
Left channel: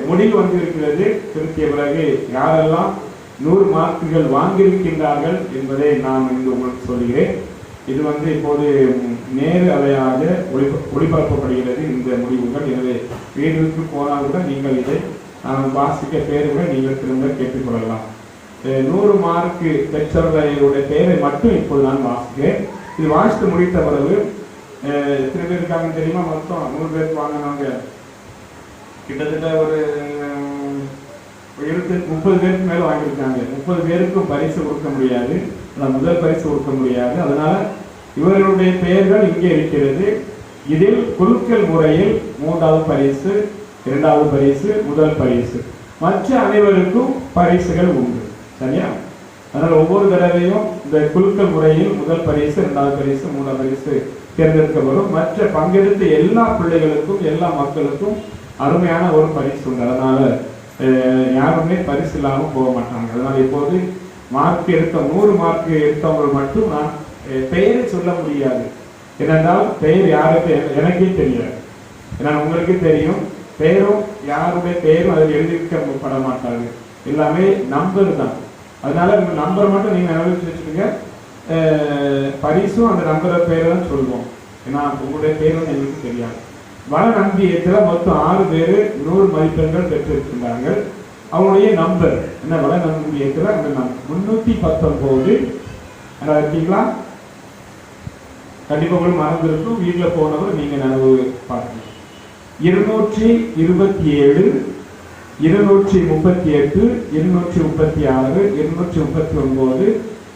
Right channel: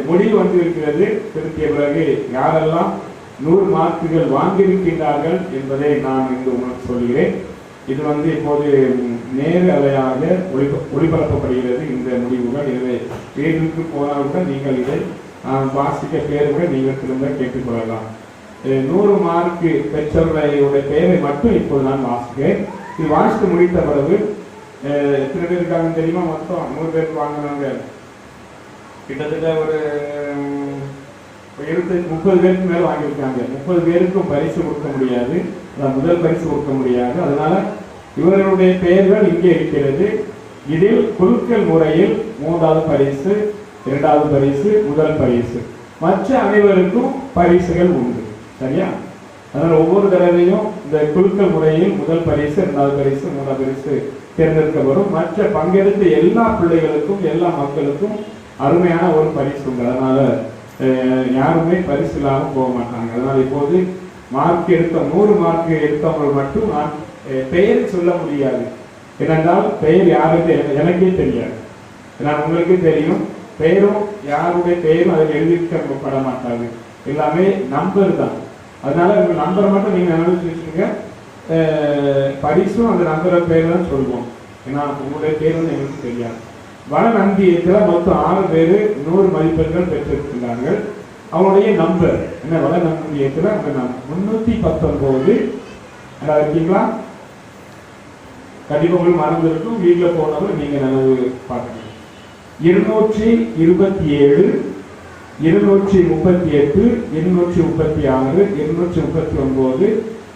முடிவு வந்திருக்கிறது. திருத்திய பிறகு யாரெல்லாம் 100 மார்க்குகள் வாங்கியிருக்கின்றார்கள் என்பதை நான் இங்கு உங்களுக்கு சொல்கிறேன். இது இப்போது நேரு அலையாக ஒளிபரப்பப்படுகிறது இந்த முடிவுகள். எனவே வீடுக்கு போனால் கூட நீங்கள் இதை வாசிக்க பேருங்கள் நீங்கள் திரும்ப கேட்டுக்கொள்ளலாம். 100 மார்க்கு பெற்றவர்களுடைய பெயரை மட்டும் இப்போது நான் வாசிக்கிறேன். இது வாசித்து முடித்த பிறகு எத்தனை பேர் இருக்காங்க தெரியுமா? மொத்தம் 100 பேருக்கு வாங்கினாங்க. கிட்டத்தட்ட ஒரு 30 பேருக்கு மேல வாங்கியிருக்காங்க. 30 பேருக்கும் பரிசு கொடுக்க முடியாது, முதல் பரிசு கொடுக்க முடியாது. அதனால இவர்களுடைய பெயர்கள் இங்கே இருக்கிறது. இதில் குலுக்கல் முறையில் 3வது பரிசு, 2வது பரிசு, முதல் பரிசு, மற்ற அனைவருக்கும் பரிசுகள் உண்டு. சரியா? அதனால ஒவ்வொரு தடவையும் இந்த குலுக்கல் முறையில் முதல் பரிசு, 2வது பரிசு, 3வது பரிசு தேர்ந்தெடுக்கப்படும். மற்ற பங்கெடுத்த எல்லா பிள்ளைகளுக்கும், எல்லா மக்களுக்கும் அருமையான ஒரு பரிசு உண்டு. அதனால யாருமே பரிசு இல்லாமல் போக மாட்டாங்க. அதனால இப்போது மார்க் எடுத்த 100 மார்க் எடுத்தவங்க மட்டும் நான் பெயரை சொல்ல முடியாது. ஏனென்றால் பெயர் யாருக்கு எனக்கே தெரியாது. நான் உங்களுக்கு தெரியும். பெயரும் யாருடைய பெயரும் அதில் எழுதிக்கப்பட மாட்டாங்க. எல்லாமே நம்பர் தான். அதனால உங்க நம்பரை மட்டும் நீங்க நினைச்சு வச்சுக்கோங்க. பரிசும் அந்த நம்பரை பேர் தான் சொல்லுவோம். ஏன்னா உங்களுடைய பேர் வந்து எங்களுக்கு தெரியாது. வளநம்பியத்தில் மொத்தம் 6 பேர் 100 மதிப்பெண்கள் பெற்றிருக்கிறார்கள். அவங்களுடைய நம்பர் என்ன? வளநம்பியத்தில் அந்த 319 இருக்கீங்களா? கண்டிப்பா உங்களுக்கு மறந்து இருக்கும். வீட்டில் போனவர் நீங்க நினைவு பார்க்கணும். 227, 238, 236, 239,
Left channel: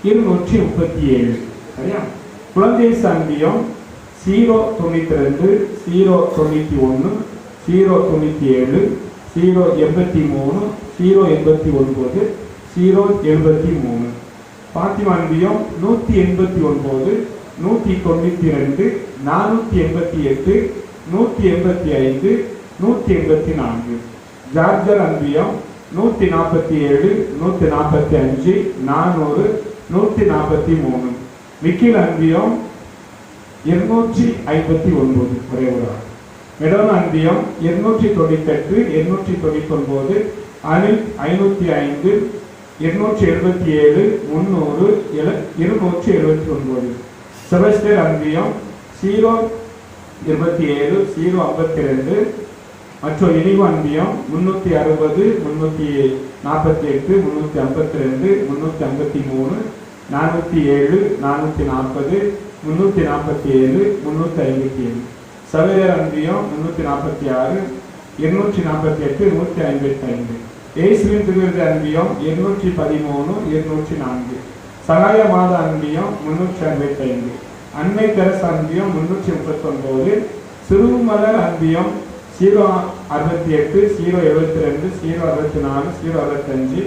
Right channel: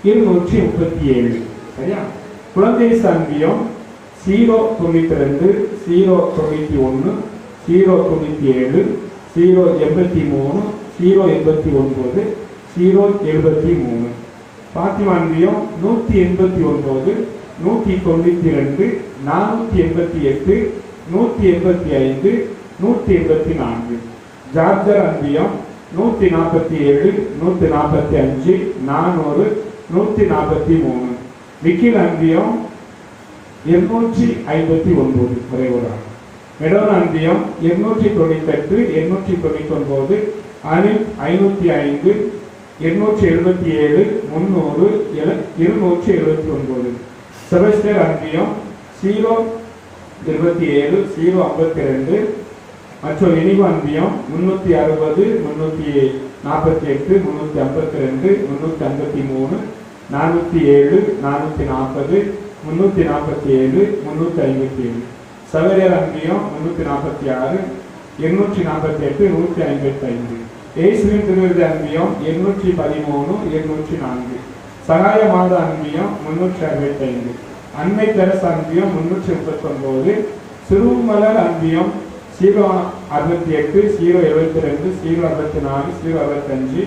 237. சரியா? குழந்தை சாந்தியம் 092, 091, 097, 083, 089, 073. பாத்திமான்பியம் 189, 192, 488, 185, 184. ஜார்ஜர் அன்பியம் 147, 145, 400, 143. விக்கில் அன்பியம் 259 குறைவுதான். மெடோன் அன்பியம் 298, 899, அனில் 505, 277, 300, 279. செபஸ்டியர் அன்பியம் 27 052 மற்றும் இனிவு அன்பியம் 360 348 352 353 407 440 347 357 சவேரியர் அன்பியம் 346 248 155 இயேசுவின் திருவிருது அன்பியம் 213 204 சகாய மாத அன்பியம் 365 அன்னை தெரசா அன்பியம் 339 சிறுமலர் அன்பியம் 068 072 064 065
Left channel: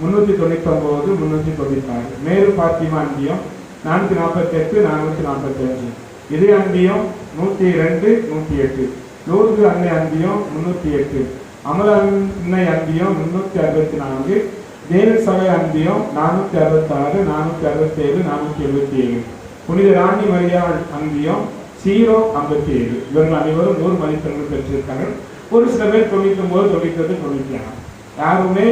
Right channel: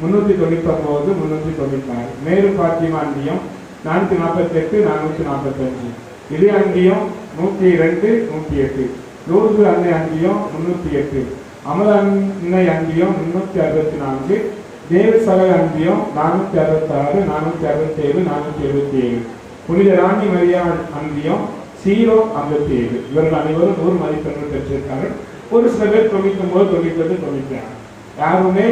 399 396 மேரு பாத்திமா அன்பியம் 448 445 இதே அன்பியம் 102 108 லூர்து அன்னை அன்பியம் 308 அமல அன்னை அன்பியம் 364 தேவ சகாய அன்பியம் 466 467 477 புனித ராணி மரியா அன்பியம் 057 இவர்கள் அனைவரும் 100 மதிப்பெண்கள் பெற்றிருக்காங்க. ஒரு சில பேர் 99 99 95 யாருமே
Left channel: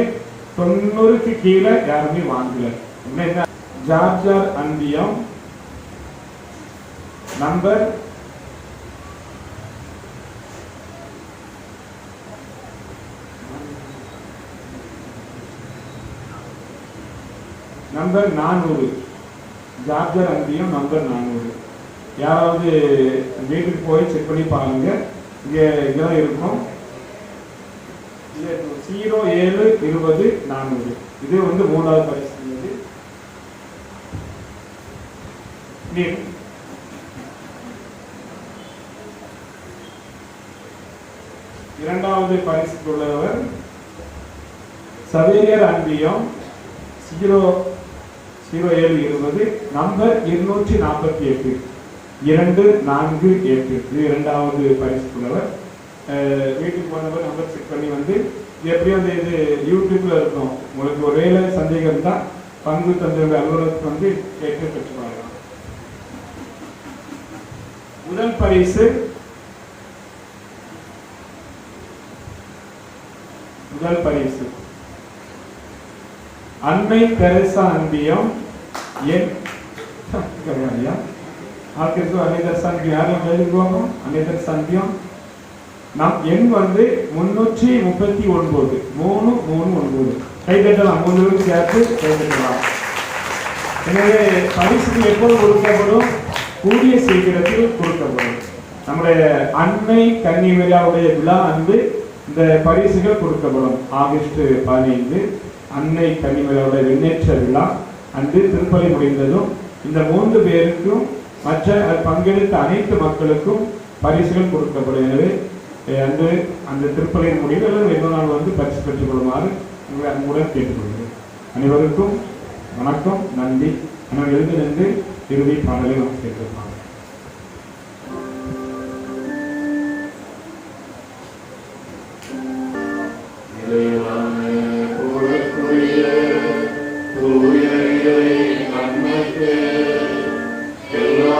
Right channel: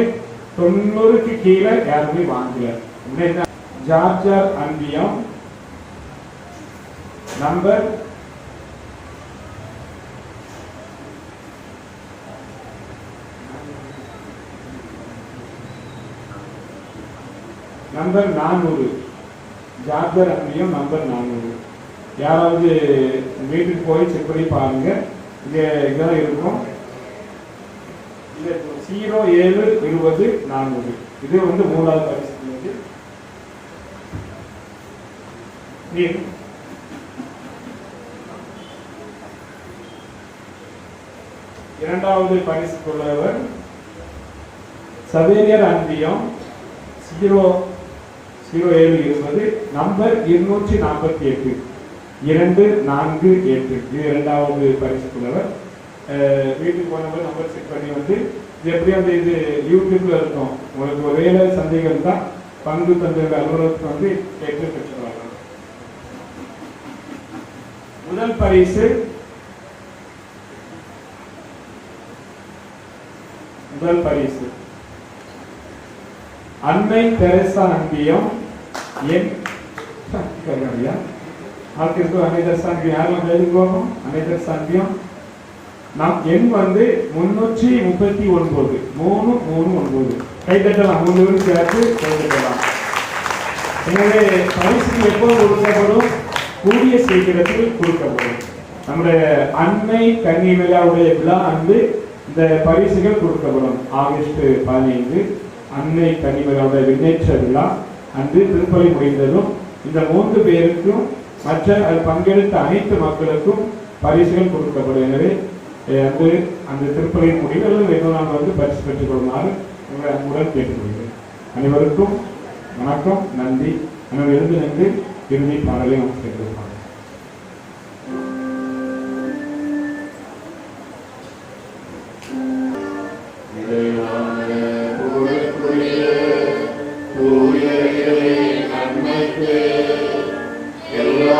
90க்கு கீழே யாருமே வாங்கல. ஜார்ஜார் அன்பியம் நம்பர் 400 ஜார்ஜர் அன்பியம் நம்பர் 400. யாராவது வீட்டுக்கு போய் செக் பண்ணி பாருங்க, இதெல்லாம் இருக்கும். 07 20 400 இது வந்து 3வது பரிசு. இரண்டாவது பரிசு கொண்டவர் சவேரியர் அன்பியம் 0720 நம்பர் 248 248 இது இரண்டாவது பரிசு கொண்டவர். வீட்டுக்கு போனவர் நம்பர் செக் பண்ணி வந்து எப்படி வந்து இது யூடியூப்ல இருக்கும். உங்களுக்கு ஒரே சந்தேகம் தான் பங்கு தந்தையோட அலுவலகத்துக்கு வந்து கேட்டு பெற்றுவாங்க. முதல் பரிசு அன்னை தெரசா அன்பியம் என் அன்னை தெரசா அன்பியம் யாரும் எழுதுவோம். அன்னை தெரசா அன்பியம் எண் வந்து 339 339 கைதட்டலாம். 3 சேர்த்து கைதட்டலாம். எனவே பரிசுகள் எப்போது கொடுக்கப்படும்? கூடிய சீக்கிரத்தில் கொடுக்கப்படும். நம்முடைய அன்னை கன்னி விழாவுடைய விழா அன்று இந்த பரிசுகள் கொடுக்கப்படும். ஆகஸ்ட் 15 அன்னை கன்னி விழாவுடைய விண்ணேற்ற விழா அன்று திருப்பலி முடிந்ததும் இந்த 3 பேருக்கும் மற்ற பங்கெடுத்த அனைத்து மக்களுக்கும் பரிசுகள் கொடுக்கப்படும். எனவே அன்று அந்த திருப்பலியின் முடிவுகளும் 2 நாள் வந்து பரிசு பெற்றுக் கொள்ளுமாறு உங்களை அன்புடன் கேட்டுக்கொள்கிறேன். அனைவருக்கும் வணக்கம், நன்றி. எனவே எழுந்து நின்று இறுதி பாடலை நாம் கேட்கலாம். எல்லா